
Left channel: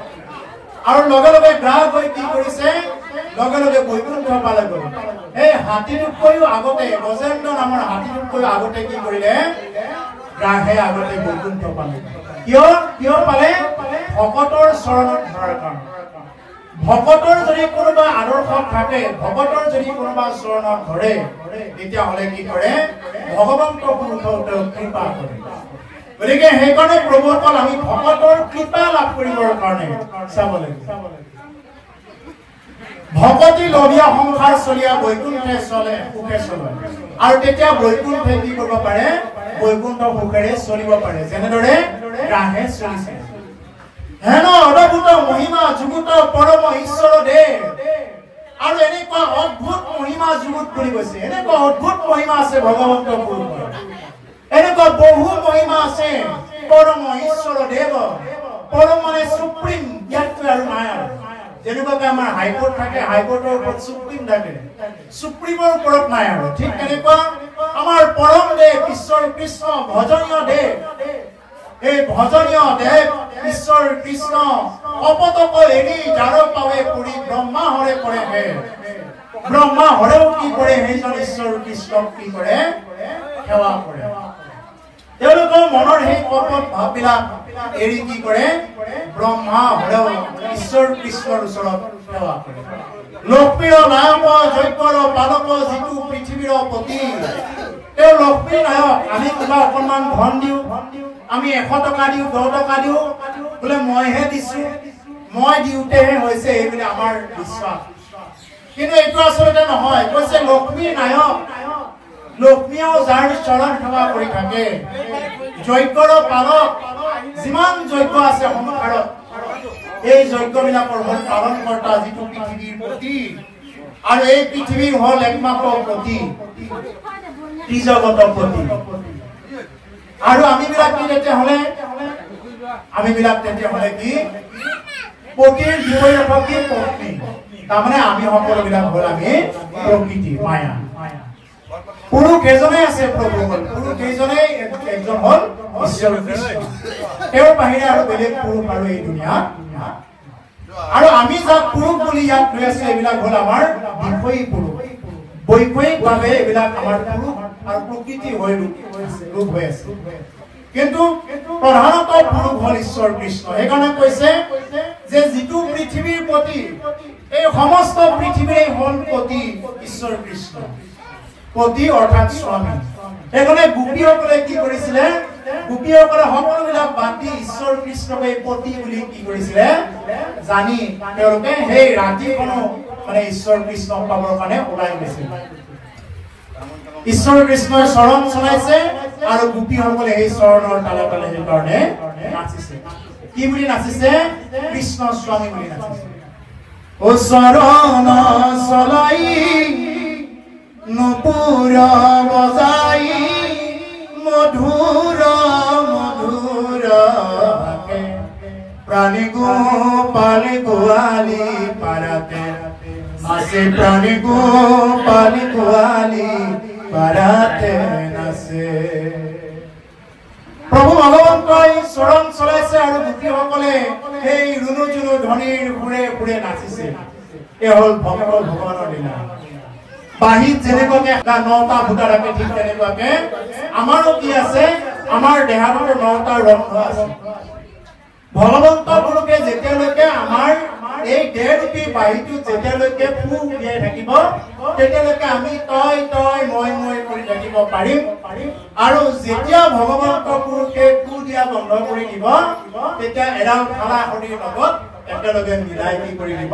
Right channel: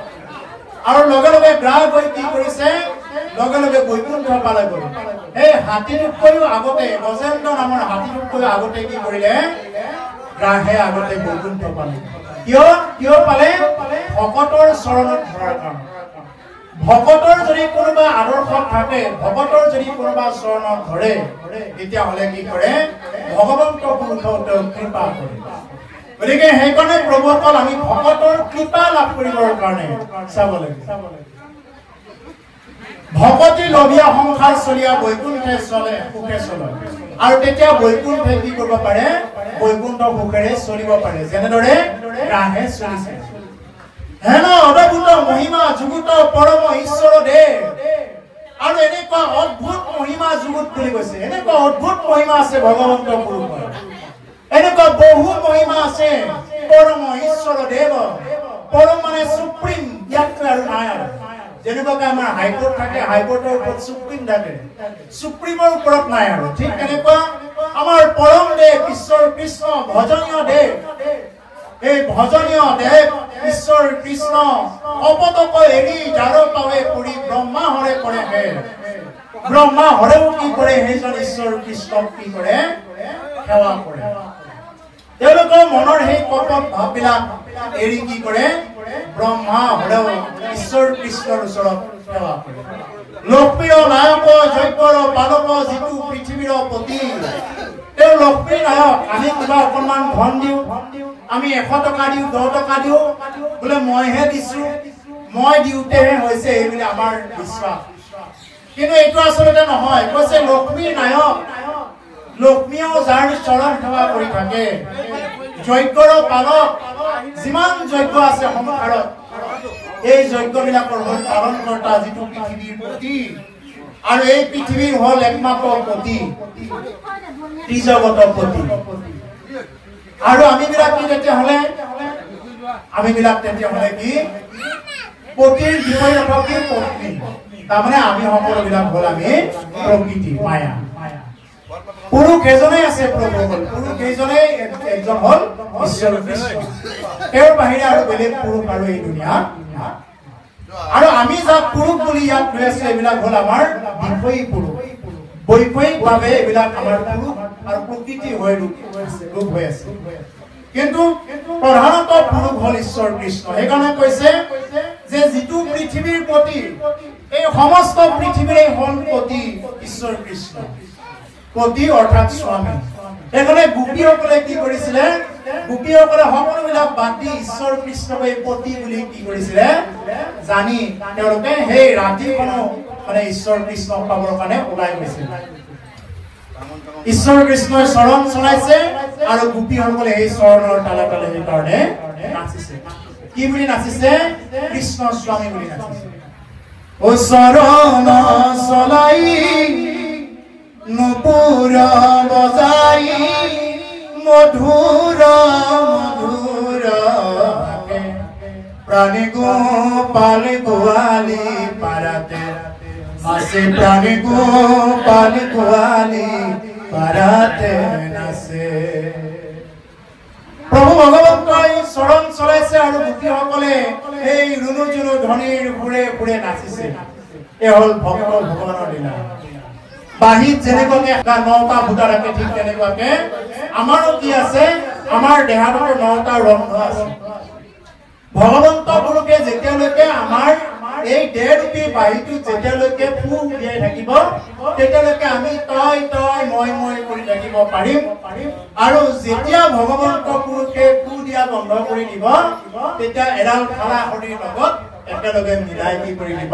আৰু লগে লগে গ্ৰাহ গৈ কি কৰিছে লগে লগে বৈকুণ্ঠ পালে গ'ল এই হাতীটোতকৈও আগতে গজেন্দ্ৰ নামৰ হাতীটোতকৈ আগতে কি কৰিলে ৰাহে আগতে বৈকুণ্ঠ পালে কিয় পালে ভকতৰ চৰণত ধৰাৰ কাৰণে ভকতৰ যদি কোনোবা আদৰ্শ থাকে ভকতৰ যদি কোনোবা চৰণত ধৰে তেতিয়া হলে কি কৰে ভগৱন্ত পুৰুষৰ কৃপা কৰে গতিকে সেইকাৰণে প্ৰভুসকল আমি ভকতৰ কৃপা লাভ কৰিবৰ কাৰণে চাব লাগে ভকতি লভিয়া সংসাৰ চলিয়া বৈকুণ্ঠে চলে সুখে চলে আৰু তেতিয়া বৈকুণ্ঠে কি কৰিব পাৰে বৈকুণ্ঠ সুখেৰে চলিব পাৰে যেনেদৰে ৰাহে চলিছে হেন অদ্ভুত মহিমা যুগুত পৰম ঈশ্বৰ দেৱ আৰু এনেকুৱা অদ্ভুত মহিমা যুগুত বুলি কৈছে এনেকুৱা অদ্ভুত মহিমা আছে ভগৱন্ত পুৰুষৰ এনেকুৱা বহু মহিমা আছে পৰম ঈশ্বৰ দেৱ পৰম মানে সুপ্ৰিম ইয়াতকৈ আৰু নাই আৰু যেনেকুৱাকে আমাৰ হাইকোৰ্ট থাকে হাইকোৰ্টৰ ওপৰত সুপ্ৰিম থাকে সুপ্ৰিমৰ ওপৰত নাই আৰু ঠিক তেনেকুৱা আমাৰ পৰম দেৱ ঈশ্বৰ কৃষ্ণ ভজনীয় দেৱ এই ভজনীয় দেৱ ঈশ্বৰ কৃষ্ণ অপতক এৰি যাৰ পাৱে পৰি ব্ৰহ্মা হৰে কৰে হে ব্ৰহ্মা হৰেও কি কৰে সেইজন ঈশ্বৰ কৃষ্ণক কি কৰে সেৱা কৰে তেওঁলোকৰ মনৰ সেই কপট ভাববিলাক এৰি কি কৰে ব্ৰহ্মা হৰেও ঈশ্বৰ কৃষ্ণৰ ওচৰত সেৱা কৰে লক্ষ্মীৰ নায়ক যজ্ঞৰ পালক যিটো পৃথিৱীৰ পতি তেওঁ লক্ষ্মীৰ নায়ক আমি কিবা অকণমান ধন দিওঁ আমি 100 টকা দিওঁ 10 টকা দিওঁ বোলে মইহে দিছো মই দিওঁতেহে হৈছে এইবুলি আমাৰ বিশ্বাস কিন্তু এইটো আচলতে নহয় কৈছে লক্ষ্মীৰ নায়ক লক্ষ্মীয়েও যাৰ চৰণ সেৱা কৰি থাকে যজ্ঞৰ পালক যিমান যজ্ঞ আছে সংসাৰত এই যজ্ঞবিলাকৰ হল পালনকৰ্তা যিটো পৃথিৱীৰ পতি আৰু এই পৃথিৱীৰ হল একমাত্ৰ পতি ত্ৰিজগতৰ পতি আৰু আমি বিলাক কি তেতিয়াহলে কি পতিৰ বিপৰীত কি পত্নী তাৰমানে আমি সকলোবিলাক হল আমি প্ৰকৃতি মায়া পুৰুষ এজনে আছে প্ৰভু হল পুৰুষ এজনে একজন হল ঈশ্বৰ কৃষ্ণ তেওঁৰ বাহিৰে আৰু বেলেগ পুৰুষ আৰু এই দুনিয়াত আৰু আমি যাক পুৰুষ বুলি ইয়াত লৈ আছো এইবিলাক হল আমাৰ বিষয়ী পুৰুষ বৈষয়িকভাৱে এইবিলাক আমাৰ পুৰুষ আৰু প্ৰকৃতি হৈ ৰূপ হৈ আছে কিন্তু প্ৰধানত পুৰুষ হল ঈশ্বৰ কৃষ্ণ সেইকাৰণে কৈছে যে যিটো পৃথিৱীৰ পতি এই সমস্ত পৃথিৱীৰে হল পতি ঈশ্বৰ কৃষ্ণ পতি অৰ্থাৎ স্বামী সেইকাৰণে গোপীসকলে কি কৰিছিলে গোপীসকলে সকলোবিলাক বাতি ঈশ্বৰ কৃষ্ণক এই পতি বুলি কি কৰিছিলে জানি তেওঁলোকে সেই ৰাতিখনো মানে ঈশ্বৰ কৃষ্ণক পাবৰ কাৰণে ওলাই গৈছিল ঈশ্বৰ কৃষ্ণই চৰণ চলাইছে আৰু গোপীসকলে সেই চৰণৰ তালে তালে সেইকাৰণে নাচিছে কি বুলি নাচিছে কৃষ্ণ স্বামী বুলি নাচিছে ও চৰণ চলাই নুপুৰ বজাই মধুৰ মধুৰ প্ৰাণী গোপাল গোয়ালি পাৰাতে নাচে প্ৰাণী গোপাল গোয়ালি পাৰাতে নাচে প্ৰভু ভগৱন্তই চৰণ চলাইছে আৰু গোপীসকলে এই ৰুণু জুনু ধ্বনিৰ ঘূৰে ঘূৰে নাচিছে এই হল ভক্ত ভগৱানৰ লীলা বাহিত যেনেকুৱাকে 9টা ভূতা থাকে ঠিক তেনেকুৱাকে আমাৰো কি আছে আমাৰ দেহাটোৰ 9টা ৰন্ধ আছে ভগৱন্ত পুৰুষে যেতিয়ালৈকে আমাৰ এই দেহৰূপী বাহিৰটো যেতিয়ালৈকে ফু উলিয়াই থাকিব তেতিয়ালৈকে আমি তই তই মই মই কৰি থাকিব পাৰিম আৰু যেতিয়া ভগৱন্ত পুৰুষে ফু দিয়া বন্ধ কৰি দিব তেতিয়া এডাল খালা শৰীৰ লগত একেলগে মিলাই কি কৰি দিব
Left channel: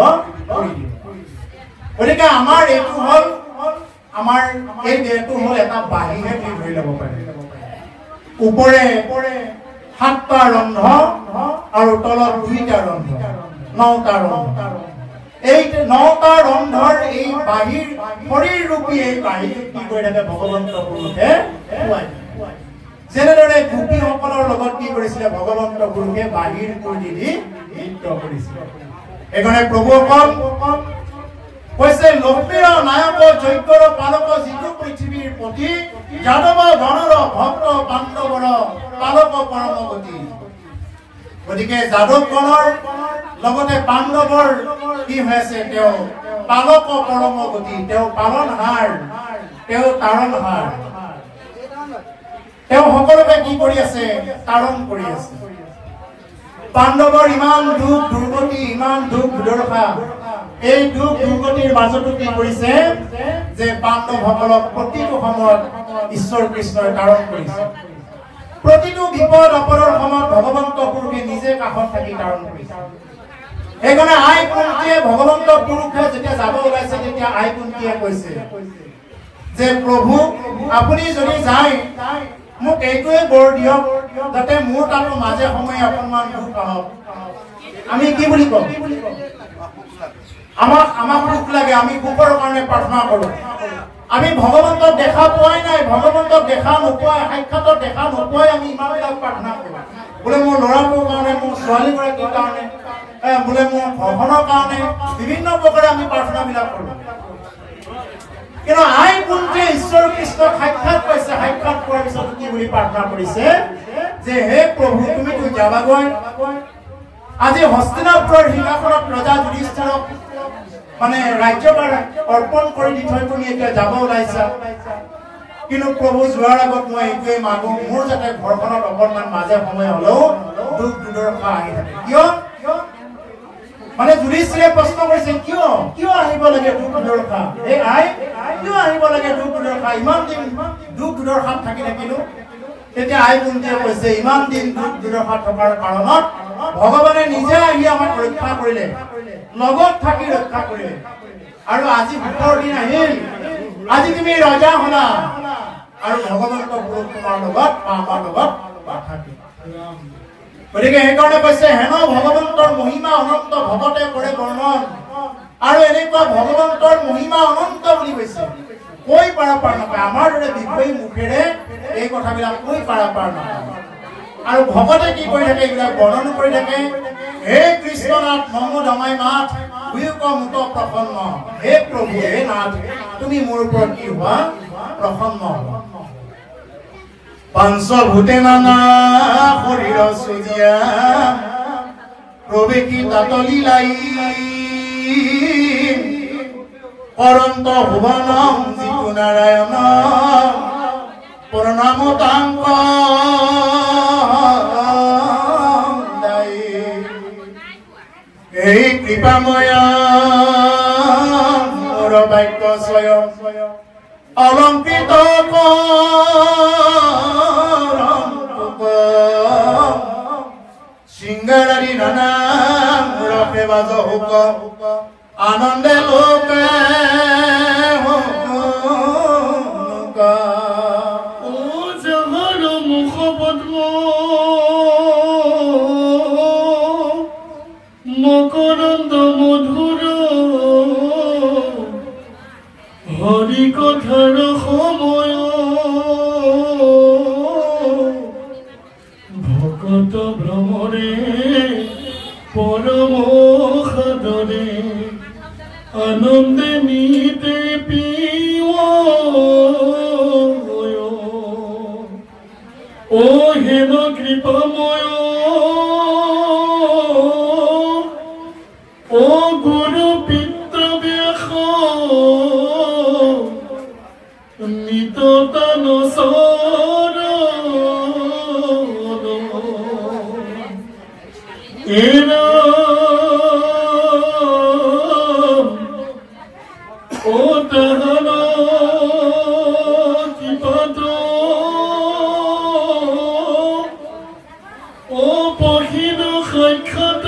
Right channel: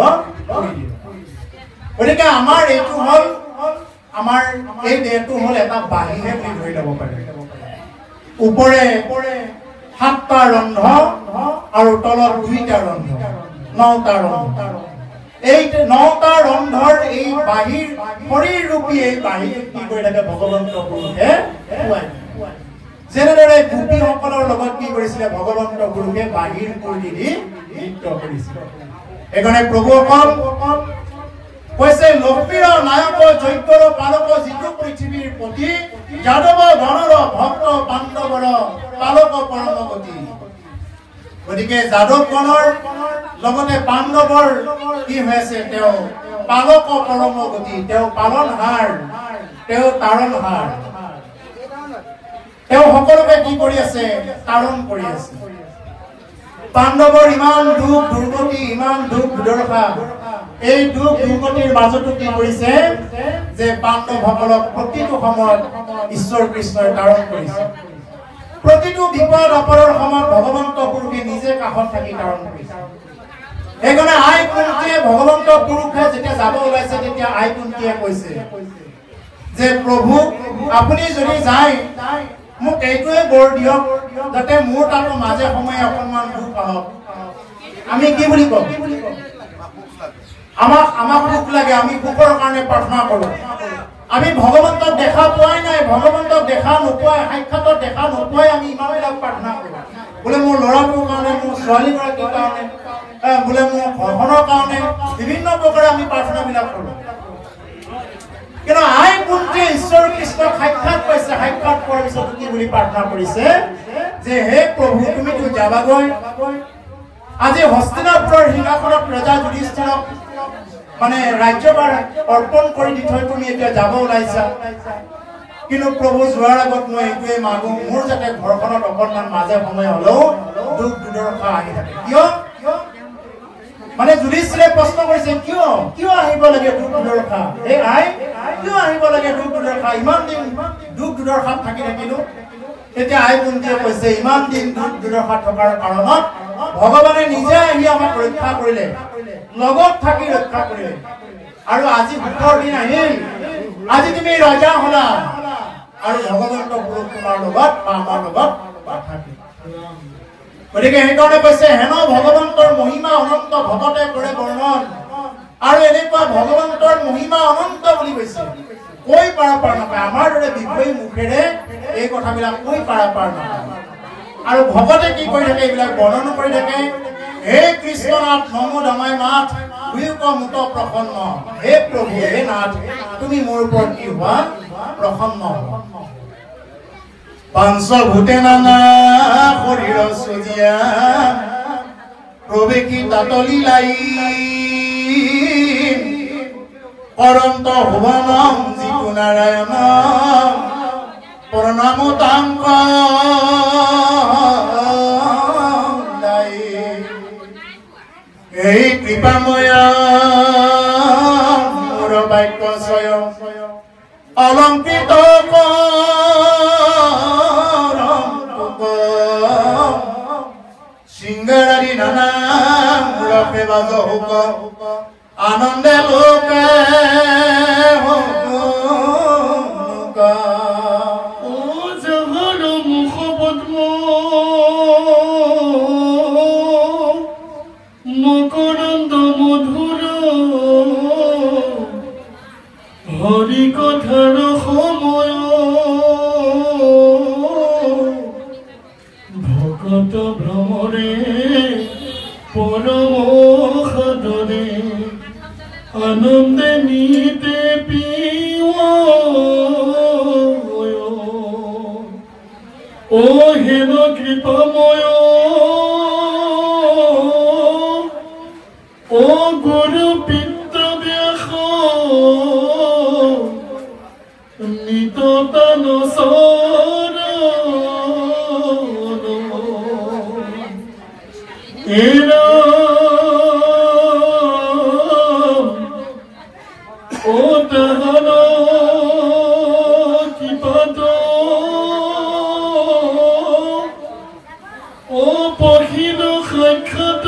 গতিকে আমাৰ এইটো হল আমাৰ এই দেহটো হল এটা বাহিহে ধৰি ল'ব পাৰে ওপৰে 7টা ৰন্ধ আৰু তলত 2টা ৰন্ধ 9টা ৰন্ধ এই 9টা ৰন্ধৰ এই বাহিৰ শৰীৰ ৰূপী এই বাহিৰ কি কৰি থাকে ভগৱন্ত পুৰুষে যেনেদৰে গোপীসকলৰ লগত কি কৰিছিলে ভগৱন্ত পুৰুষে বাহিৰ কৰি দি নৃত্য কৰিছিল এইকাৰণে প্ৰভুসকল কৈছে লক্ষ্মীৰ নায়ক যজ্ঞৰ পালক যিটো পৃথিৱীৰ পতি যাদৱ গণৰ ভক্ত পাণ্ডৱৰ পালক পৰমগতি গতিকে যাদৱ গণৰ লগতে পাণ্ডৱৰ কি হৈছে তেওঁ পালক পৰমগতি তেওঁ পালনহাৰ তেওঁ তাৰণহাৰ তেওঁ সকলোকে কি কৰি আছে তাৰণ কৰি আছে পাণ্ডৱৰ ইমান দুখ দুৰ্গতি ইমান দুখ দুৰ্দশা এই দুখ দুৰ্গতিৰ মাজতো কি কৰিছে যে পাণ্ডৱসকলক প্ৰতিটো সময়ত ঈশ্বৰ কৃষ্ণই তাৰণ কৰিছে প্ৰতিটো বিপদ আপদৰ সময়ত ভগৱন্ত পুৰুষে নিজে কাষত থাকি তাৰণ কৰিছে সেইকাৰণে আই কুন্তীয়ে ভগৱন্ত পুৰুষে যেতিয়া যাব ওলাইছে তেতিয়া আই কুন্তীয়ে কৈছে যে প্ৰভু আপুনি যদি যায় মোক এইটোৱে বৰ দিয়ক যাতে মোৰ তাতো মাজে সময়ে অকণমান দুখ আহক আমি কি বুলি কওঁ আমাক দুখ লাগে আমি দুখৰ কাৰণে প্ৰাৰ্থনা কৰোঁ আমি ভগৱন্তক দেখা পোৱাই নাই ভগৱন্তক দেখা নোপোৱাই সাক্ষাতত দেখা নোপোৱাই আমি ইমানবিলাক প্ৰাৰ্থনা কৰোঁ বোলে মোৰ ল'ৰাটোৰ কাৰণে মোৰ ছোৱালীগৰাকীৰ কাৰণে বোলে মোৰ ঘৰখনৰ কাৰণে বিভিন্ন প্ৰকাৰে আমি প্ৰাৰ্থনাবিলাক কৰোঁ কিন্তু আই কুন্তীয়ে ঈশ্বৰ কৃষ্ণক সাক্ষাৎ পাইছে সাক্ষাৎ কৰাৰ পিছত কি বুলি প্ৰাৰ্থনা কৰিছে যে হে প্ৰভু তুমিতো যাবাগৈ আজি হস্তিনাপুৰৰ সিংহাসনত ৰজা যুধিষ্ঠিৰক মানে ৰাজ্যভাৰ অৰ্পণ কৰি দি থৈ তুমি এতিয়া যাব ওলাইছা কিন্তু প্ৰভু যোৱাৰ আগত মই এইটোৱে মাগো মোৰ যাতে ঘৰখনত অকণমান মাজে সময়ে হ'লেও দুখ দুৰ্দশা আহি থাকে কিয় মানে যুধিষ্ঠিৰে প্ৰশ্ন কৰিছে কিয় আহিব লাগে দুখ দুৰ্দশা এই আই কিয় আহিব লাগে দুখ দুৰ্দশা ইমান দিন দুখ দুৰ্দশাত থাকি থাকিলো তেতিয়া আই কুন্তীয়ে কৈছে ইমান দিন দুখ দুৰ্দশা থকাৰ কাৰণত ভগৱানে নিজে আহি আমাক ৰক্ষা কৰিলে লগত থাকি ৰক্ষা কৰিলে আৰু আজি সুখৰ দিন আহিল আজি তুমি ৰজা হলা আৰু ভগৱন্ত পুৰুষ তোমাৰ লগত বা আমাৰ লগত থাকিব গতিকে সেইকাৰণে কৈছে হেন ভগৱন্তৰ মহিমা অনন্ত ভকতে কৰে বৰ্ণন আৰু এনেকুৱা ভগৱন্তৰ মহিমা অনন্ত বুলি কৈছে কৈ পাৰাপাৰ নাপায় আমাৰ দৰে বিষয়ী মুখেৰে এই কথাবিলাক কৈ পাৰাপাৰ নাপায় আৰু ভকতে কি কৰি থাকে এইবিলাক বৰ্ণন কৰি থাকে হে কৃষ্ণনাথ নমো দমাই মাথ উয়ুক মুত প্ৰসন্ন হে প্ৰভু হে নাথ তুমি মোৰ ওপৰত কি হোৱা প্ৰসন্ন হোৱা পঞ্চভূতে নানা শৰীৰ সজিয়া প্ৰৱেশী তাতলি লাই অনন্ত ভুৱনম যিটো নাৰায়ণ প্ৰণাম তাংক এই কৃপাময়া মোৰ বাক্য স্বয়ং অলংকৃত সিংহাৰি নানা মূৰকে বাজ হুক আনন্দে লোকে মুখ পদ্ম মকৰন্দ মধুৰ হৰি কথাৰ সময় ভকত ভ্ৰমৰে পৰম সাদৰে আনন্দে নিতে পিও ও হেন কৃপাময় ও গুরু পিতৃব্যাস নিততান এরা ও তাহারা কৃপাত ও পহিল সাক্ষাৎ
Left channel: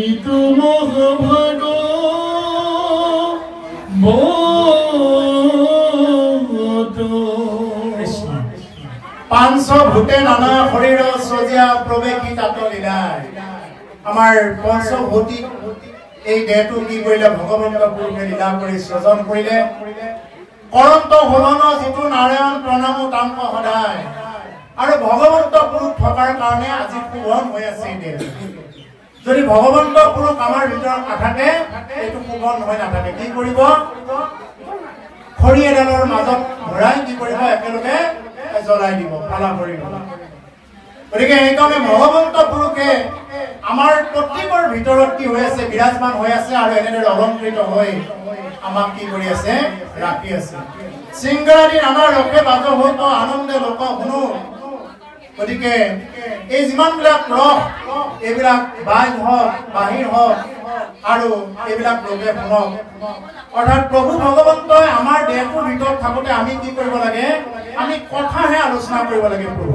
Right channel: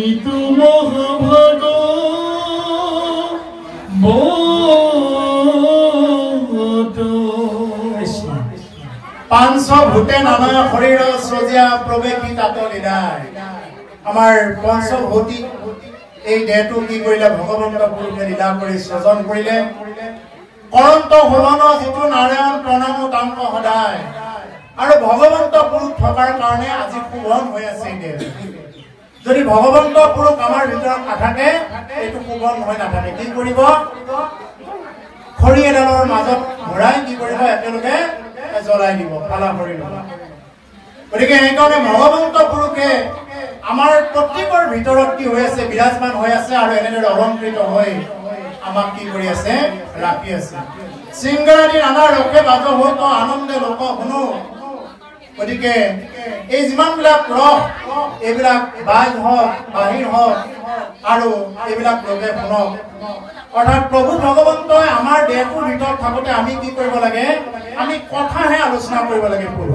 ইটো মহাভাগ পঞ্চভূতে নানা শৰীৰ সজিয়া প্ৰৱেশী তাতলি লাই আমাৰ পঞ্চভূতিক এই দেহটো কি কৰিলে ভগৱন্ত পুৰুষে লীলা কৰি সৃজন কৰিলে অনন্ত ভুৱন যিটো নাৰায়ণ প্ৰণাম তাংক সদায় আৰু ভগৱন্ত পুৰুষ থকাৰ কাৰণে আজি শোভন হৈ আছে যদি ভগৱন্ত পুৰুষ আমাৰ ভিতৰত নাথাকে এইটো শোভন হৈ নাথাকে কি কৰিব খৰি এডালৰ মাজত ভৰাই কি কৰিব একেলগে জ্বলাই দিব ফালা কৰি দিব গতিকে সেইকাৰণে ভগৱন্ত পুৰুষে আমাৰ প্ৰত্যেকৰ ভিতৰত কি হৈ আছে বিৰাজমান হৈ আছে আৰু এনেদৰে অলংকৃত হৈ আমাক কি কৰি আছে ৰাখি আছে সিংগাৰী নানা ৰখে বাজ হতো আনন্দে লোক শুনো গতিকে এই যিমান বিলাক ৰস এইবিলাক বাজ হওক বাহিৰ হওক আৰু এইবিলাক লোকে শুনক অৰ্থাৎ প্ৰভু ভগৱন্তই আমাৰ দেহটোৰ ভিতৰত থাকোতে আমি কি কৰিব লাগে আমি কথাহে আলোচনা কৰিব লাগে প্ৰভু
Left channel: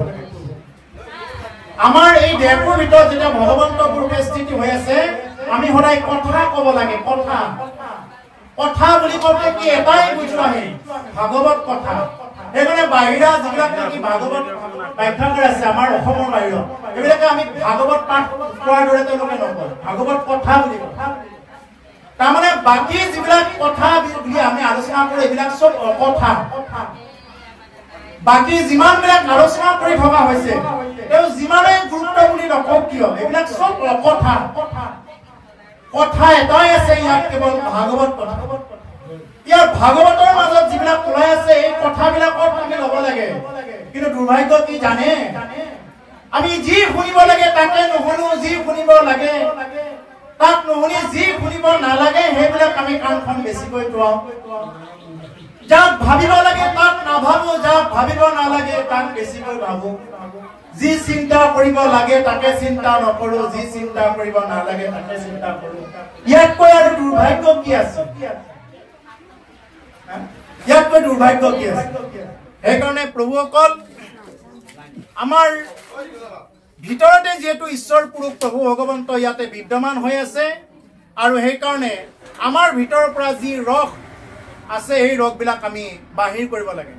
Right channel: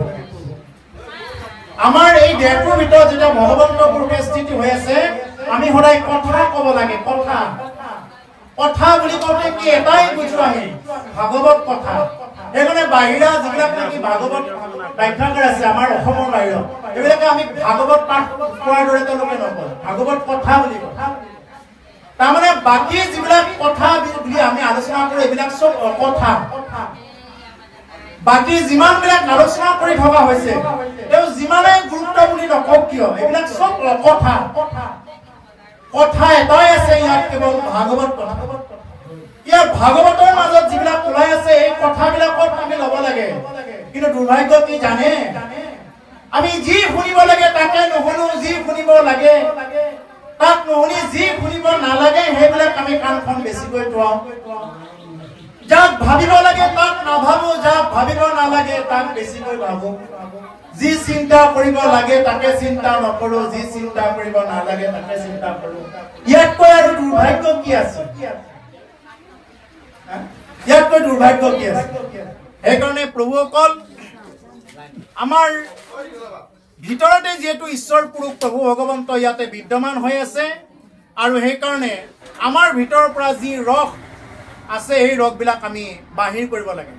আমাৰ এই দেহটোৰ ভিতৰত যেতিয়া ভগৱন্ত পুৰুষে স্থিতি হৈ আছে আমি সদায় কথা ক'ব লাগে কথা কথা বুলি ক'লে কি এটাই বুজো আমি ভাগৱত কথা সেইকাৰণে বাহিৰা যিবিলাক নেকি ভাগৱত ব্যাখ্যাকাৰ আছে আমাৰ অসমৰ বাহিৰত এইবিলাকে আমি ভাগৱত পাঠ কৰাৰ দৰে তেওঁলোকে নকয় ভাগৱত কথা বুলি কয় তাৰমানে বাকী যিবিলাক কথা বুলি আমি আলোচনা কৰোঁ এইবিলাক চব অকথা বাকী যিমানবিলাক আলোচনা কৰি থকা হৈছে তেওঁ যিমানেই গুৰুত্ব বুলি নকওক কিয় এইবিলাক চব অকথা কথা এটাই আছে ইয়াত কেৱল ভাগৱত কথা ইয়াৰ ভাগৱতৰ মাজত যিবিলাক ওলাই আছে এই কথাবিলাকত আমি ল'ব লাগে কিন্তু দুৰ্ভাগ্য কি জানে আমি যি শুনিব লাগে তাকে নুশুনো যি শুনিব লাগে তাক নুশুনি যি শুনিব নালাগে সেইবিলাক আমি কাণখন বেছিকৈ টুৱাওঁ যাক ভাবিব লাগে তাক নাভাবো যাক ভাবিব নালাগে তাক বেছিকৈ ভাবো যি চিন্তা কৰিব লাগে তাকে চিন্তা নকৰো যি চিন্তা কৰিব নালাগে তাকে চিন্তা কৰো ইয়াতকৈ আৰু দুৰ্ভাগ্য কি আছে ইয়াতকৈ দুৰ্ভাগ্য কি আছে সেইকাৰণে প্ৰভুসকল আমাৰ ভিতৰতে যেহেতু ঈশ্বৰ পুৰুষ প্ৰভু ভগৱন্ত ইয়াতে বিদ্যমান হৈ আছে আৰু সেইকাৰণে আমাৰ ভিতৰৰ পৰা যি ৰস আছে এই ৰসবিলাক আমি বাহিৰ কৰিব লাগে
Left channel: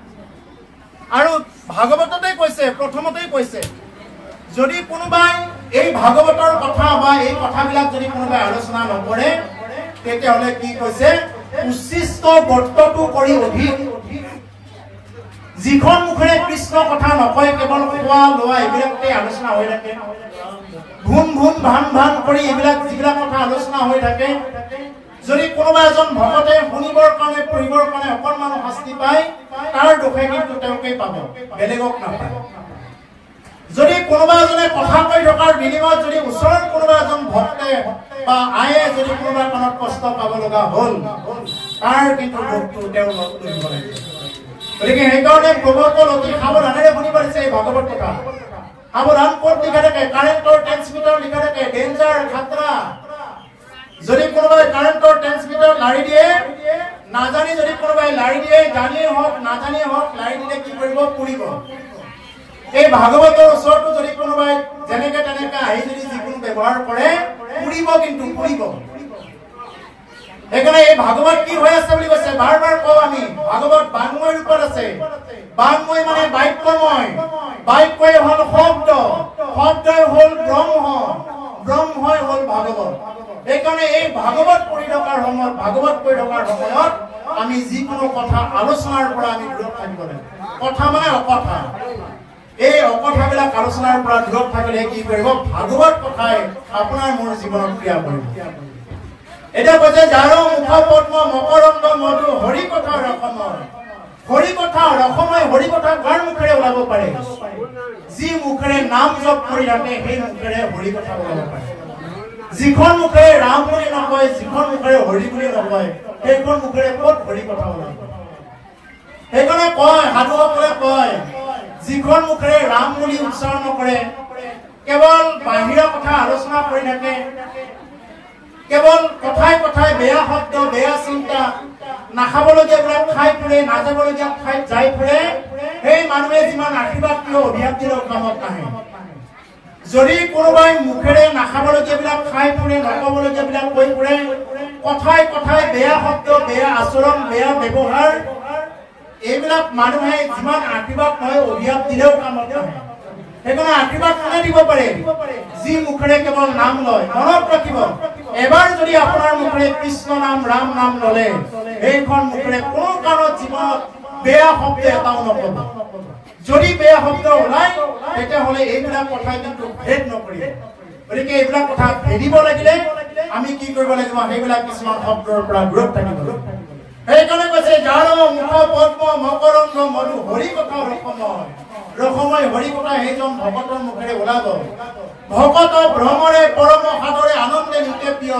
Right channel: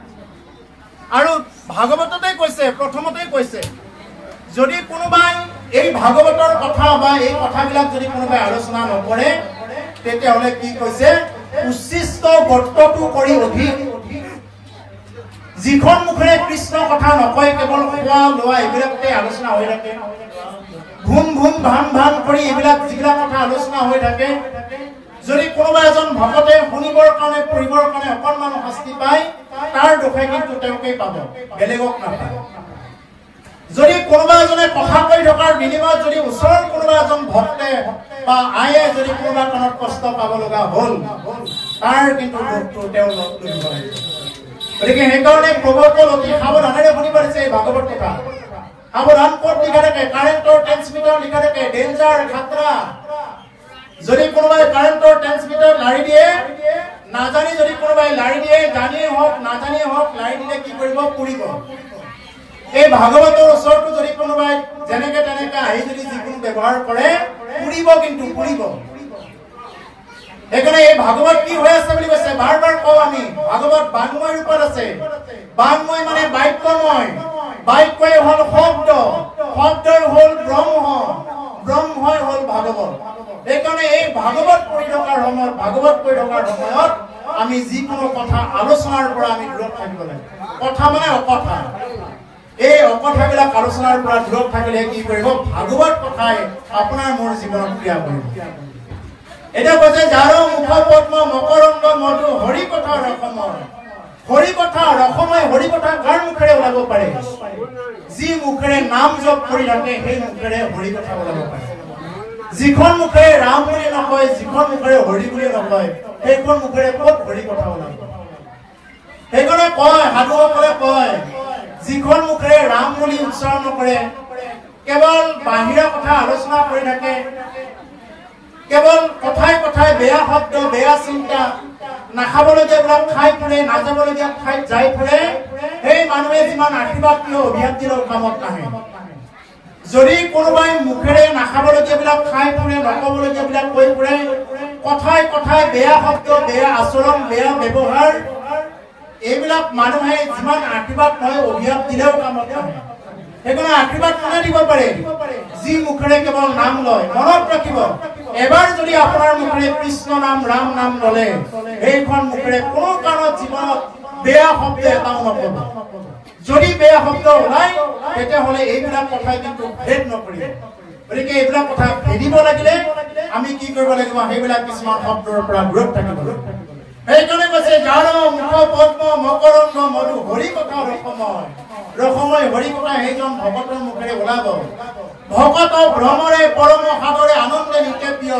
আৰু ভাগৱততে কৈছে প্ৰথমতেই কৈছে যদি কোনোবাই এই ভাগৱতৰ কথা বা এই কথাবিলাক যদি কোনোবাই আলোচনা নকৰে তেতিয়াহ'লে কি কৈছে উচ্ছিষ্ট বৰ্তটো কৰি অধিক যিখন মুখেৰে কৃষ্ণ কথা নকয় কেৱল খোৱা লোৱা এইবিলাকতে আলোচনা হৈ থাকে ঘুম ঘুম ভান ভান কৰি এইবিলাক যিবিলাক কথা আলোচনা হৈ থাকে যদি কোনোবা এজন ভকতে শুনিবৰ কাৰণে পঢ়িবৰ কাৰণে অকণমান শাস্তি পায় তাৰ দোষে কিন্তু তেওঁকেই পাব বেলেগক নাপায় যদি কোনোবা এজনে কথা কৈ থকাৰ বিনিময়ত যদি ওচৰৰ কোনোবা এজন ভক্তে বা আয়ে যদি কোনোবা কাণত কষ্ট পাব লগা হ'ল তাৰ কিন্তু দুখটো তেওঁ লব লাগিব গতিকে সেইকাৰণে প্ৰভুসকল অতি সাৱধানেৰে শুনিব দিছে এই ভাগৱত কথা সাৱধান পথ লিখা থাকে কাৰেণ্টৰ ট্ৰেন্সমিটাৰ লিখা থাকে ডেঞ্জাৰ খাতৰা যদি কোনোবাই কাৰেণ্টৰ ট্ৰেন্সমিটাৰ লাৰি দিয়ে নাজানি যদি কোনোবাই লাৰি দিয়ে জানিয়ে হওক নাজানিয়ে হওক লাৰি দিলে কি কৰিব পুৰিব এই ভাগৱতৰ ওচৰতো যদি কোনোবাই যেনেকে তেনেকে আহি যদি যিকোনো ব্যৱহাৰ কৰে পুৰিব কিন্তু পুৰিব সেইকাৰণে এই ভাগৱত কি হৈ আছে বুলি কৈছে বাৰ বাৰ কওঁ আমি ভাগৱত বাংময় ৰূপত আছে বাংময় মানে বাক্যময় বাক্যই হ'ল শব্দ শব্দই হ'ল ব্ৰহ্ম ব্ৰহ্মই হ'ল ভাগৱত সেইকাৰণে এই ভাগৱত পঢ়ি থকাৰ সময়ত ভাগৱত পঢ়ি থকাৰ সময়ত আমি যিকোনো কথা আলোচনাৰ পৰা আমি দূৰত থাকিব লাগে কথা মানে অকথা এই অকথাবিলাক আলোচনাৰ পৰা দূৰত থাকিলে কি কৰিব ভাগৱত কথাই আপোনাৰ মোৰ জীৱনত ক্ৰিয়া কৰিব এতিয়া কৈছে যাৰ মুখ পদ্ম মকৰন্দ মধু হৰি কথা ৰসময় হৰি কথা ৰসময় হৰি কথা কাৰ মুখেৰে ওলাব পাৰে যি মুখেৰে নাম জপ কৰি থাকে সেই মুখেৰে হৰি কথা ওলাব পাৰে যিখন মুখেৰে ৰাম বুলি নকয় যিখন মুখেৰে হৰি বুলি নকয় সেইখন মুখেৰে ক'ত হৰি কথা ওলাব সেইকাৰণে কয় সাধুসকলে কয় যিখন মুখেৰে ৰাম বুলি উচ্চাৰণ নকৰে কেৱল বাহিৰা কথা আলোচনা কৰি থাকে কেৱল কথাই কথাই বেয়া শব্দ বেয়া চিন্তা নাখাবলগীয়াবিলাক খাই ফুৰে নাযাবলগীয়া ঠাইত যাই ফুৰে সেই মানুহে যিমান আশীৰ্বাদ কিয় অভিশাপ দিলেও কামত নাহে যদি কোনোবাই মুখেৰে নাখাবলগীয়াবিলাক খাই ফুৰে নকবলগীয়াবিলাক কৈ ফুৰে কথাই কথাই বেয়া শব্দ বেয়া আচৰণ বেয়া ব্যৱহাৰ এইবিলাক মানুহে যিমান আশীৰ্বাদ নহয় অভিশাপ দিলেও কামত নাহে সেইকাৰণে আশীৰ্বাদ কোনে দিব পাৰে যি মুখেৰে কেৱল নাম লয় মনত ৰাখিব এবাৰ যদি আপোনাৰ মুখেৰে কৃষ্ণ নাম ৰাম নাম ললে সেইখন মুখেৰে কোনো কাৰণত জীৱনত বেয়া শব্দ এটাও নকব যদি বেয়া শব্দ ওলাই তেতিয়াহ'লে এইবিলাক কথাই কিন্তু ভেদ নকৰিব গতিকে এইবিলাক কথা ভেদিব লাগিলে আমি কি কৰিব লাগিব সেইবিলাক কিছুমান শব্দৰ পৰা দূৰত থাকিব সেইকাৰণে কৈছে যাৰ মুখ পদ্ম মকৰন্দ মধু হৰি কথা ৰসময় ৰসময় হৰি কথা সেইজন ভকতৰ মুখেৰে ওলাব ভকত ভ্ৰমৰে পৰম সাদৰে আনন্দে নিতে প্ৰিয়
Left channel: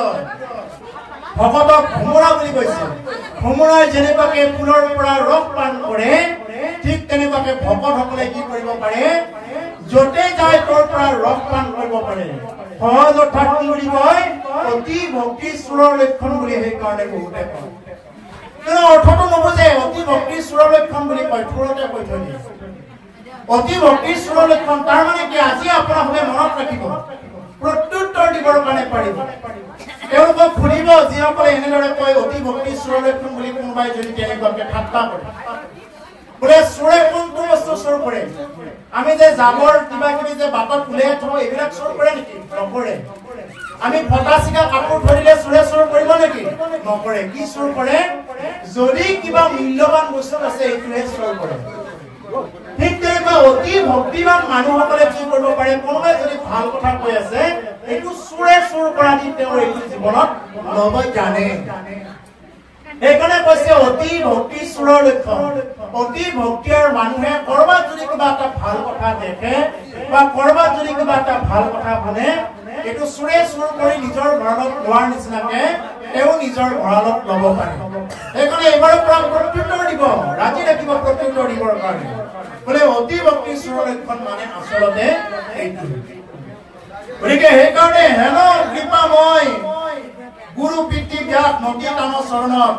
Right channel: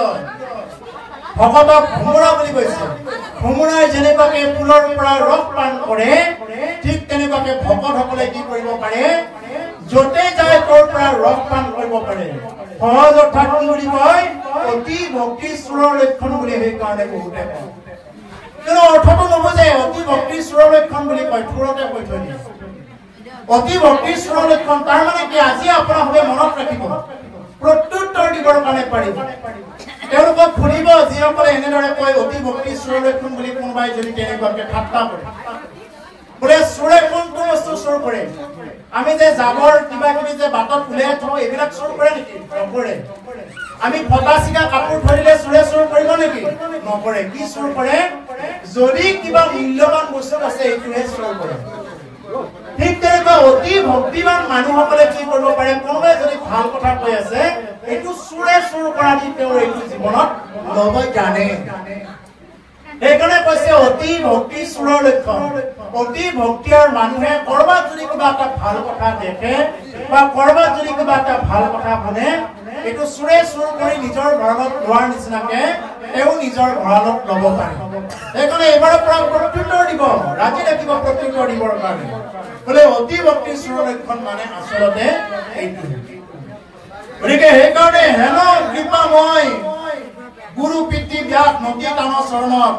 ভকতক ভ্ৰমৰা বুলি কৈছে ভ্ৰমৰাই যেনেবাকে ফুলৰ পৰা ৰস পান কৰে ঠিক তেনেবাকে ভকতসকলে কি কৰিব পাৰে যতে যায় তোৰ পৰা ৰস পান কৰিব পাৰে সহজ অৰ্থাৎ কি বুলি কয় অতি ভক্তি সুৰৰ লক্ষণ বুলি সেই কাৰণে বহুতে কয় কিন্তু অৰ্থটো নবুজে অতি ভক্তি সুৰৰ লক্ষণ বুলি কয় থোৰতে কৈ থৈ দিয়ে অতি ভক্তি সুৰৰ লক্ষণ তাৰ মানে কি আজি আপোনালোকে মনত ৰাখিব প্ৰত্যুত্তৰ দিবৰ কাৰণে পাৰিব তেওঁলোকক ফুৰিব যিসকলে এনেদৰে কয় অতি ভক্তি সুৰৰ লক্ষণ বুলি কোনোবাই যদি তেনেকুৱাকে ঠাট্টা কৰে বোলে সুৰে কোনটো বস্তু চুৰ কৰে আমি যে জাবৰ কিবা কিবি যে বাটত উলিয়াই থওঁ এইবিলাক চুৰ কৰে নেকি নকৰে আমি ফটা চিকা কাপোৰ ধৰিলে সুৰে চুৰ কৰিব নেকি নকৰে কি চুৰ কৰে যদি কিবা মূল্যৱান বস্তু আছে এইটোহে চুৰ কৰে ঠিক তেনেকৈ অতি ভক্তিবান মানুহসকলে কি কৰিব পাৰে কোনোবাই যদি ভাল কথা কৈ আছে এইটো সুৰে চুৰ কৰা দি তেওঁৰ এইটো জীৱনত ল'ব জানে সেইকাৰণে কৈছে অতি ভক্তি সুৰৰ লক্ষণ অতি ভক্তিৰ মানুহে কৰবাত যদি কিবা এটা ভাল কথা দেখে বা কৰবাত যদি কিবা এটা ভাল কথা শুনে এইটো সুৰে চুৰ কৰি নিজৰ ভঁৰালত লোৱাৰ নিচিনাকে তেওঁ নিজৰ ভঁৰালত ল'ব পাৰে সেইকাৰণে এইবাৰৰ পৰা প্ৰত্যুত্তৰ দিব ৰাজি ৰাখিব প্ৰত্যুত্তৰ দিবৰ কাৰণে বোলে অতি ভক্তি সুৰৰ লক্ষণ মানে আচলতে এইটো গতিকে সেইকাৰণে হেন কৃপাময় গুৰু পিতৃ ব্যাস নদী টান চৰণত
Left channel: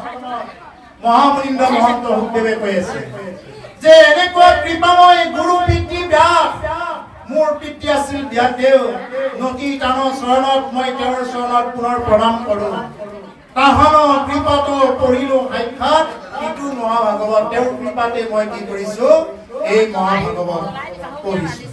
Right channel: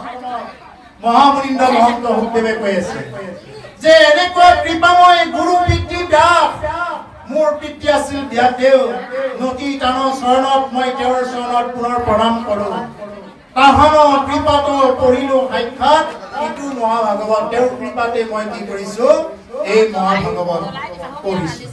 মহামনিন্দ মহন্ত সুখদেৱে কৈ আছে যে এনেকুৱা কৃপাময় গুৰু পিতৃ ব্যাস মোৰ পিতৃ আছিল ব্যাসদেৱ নদী টান চৰণত মই তেওঁৰ চৰণত পুনৰ প্ৰণাম কৰো তাহানো কৃপাটো পঢ়িলো সাক্ষাৎ ইটো মহাভাগৱত তেওঁৰ কৃপাতে মই কি কৰিছো এই মহাভাগৱত পঢ়িছো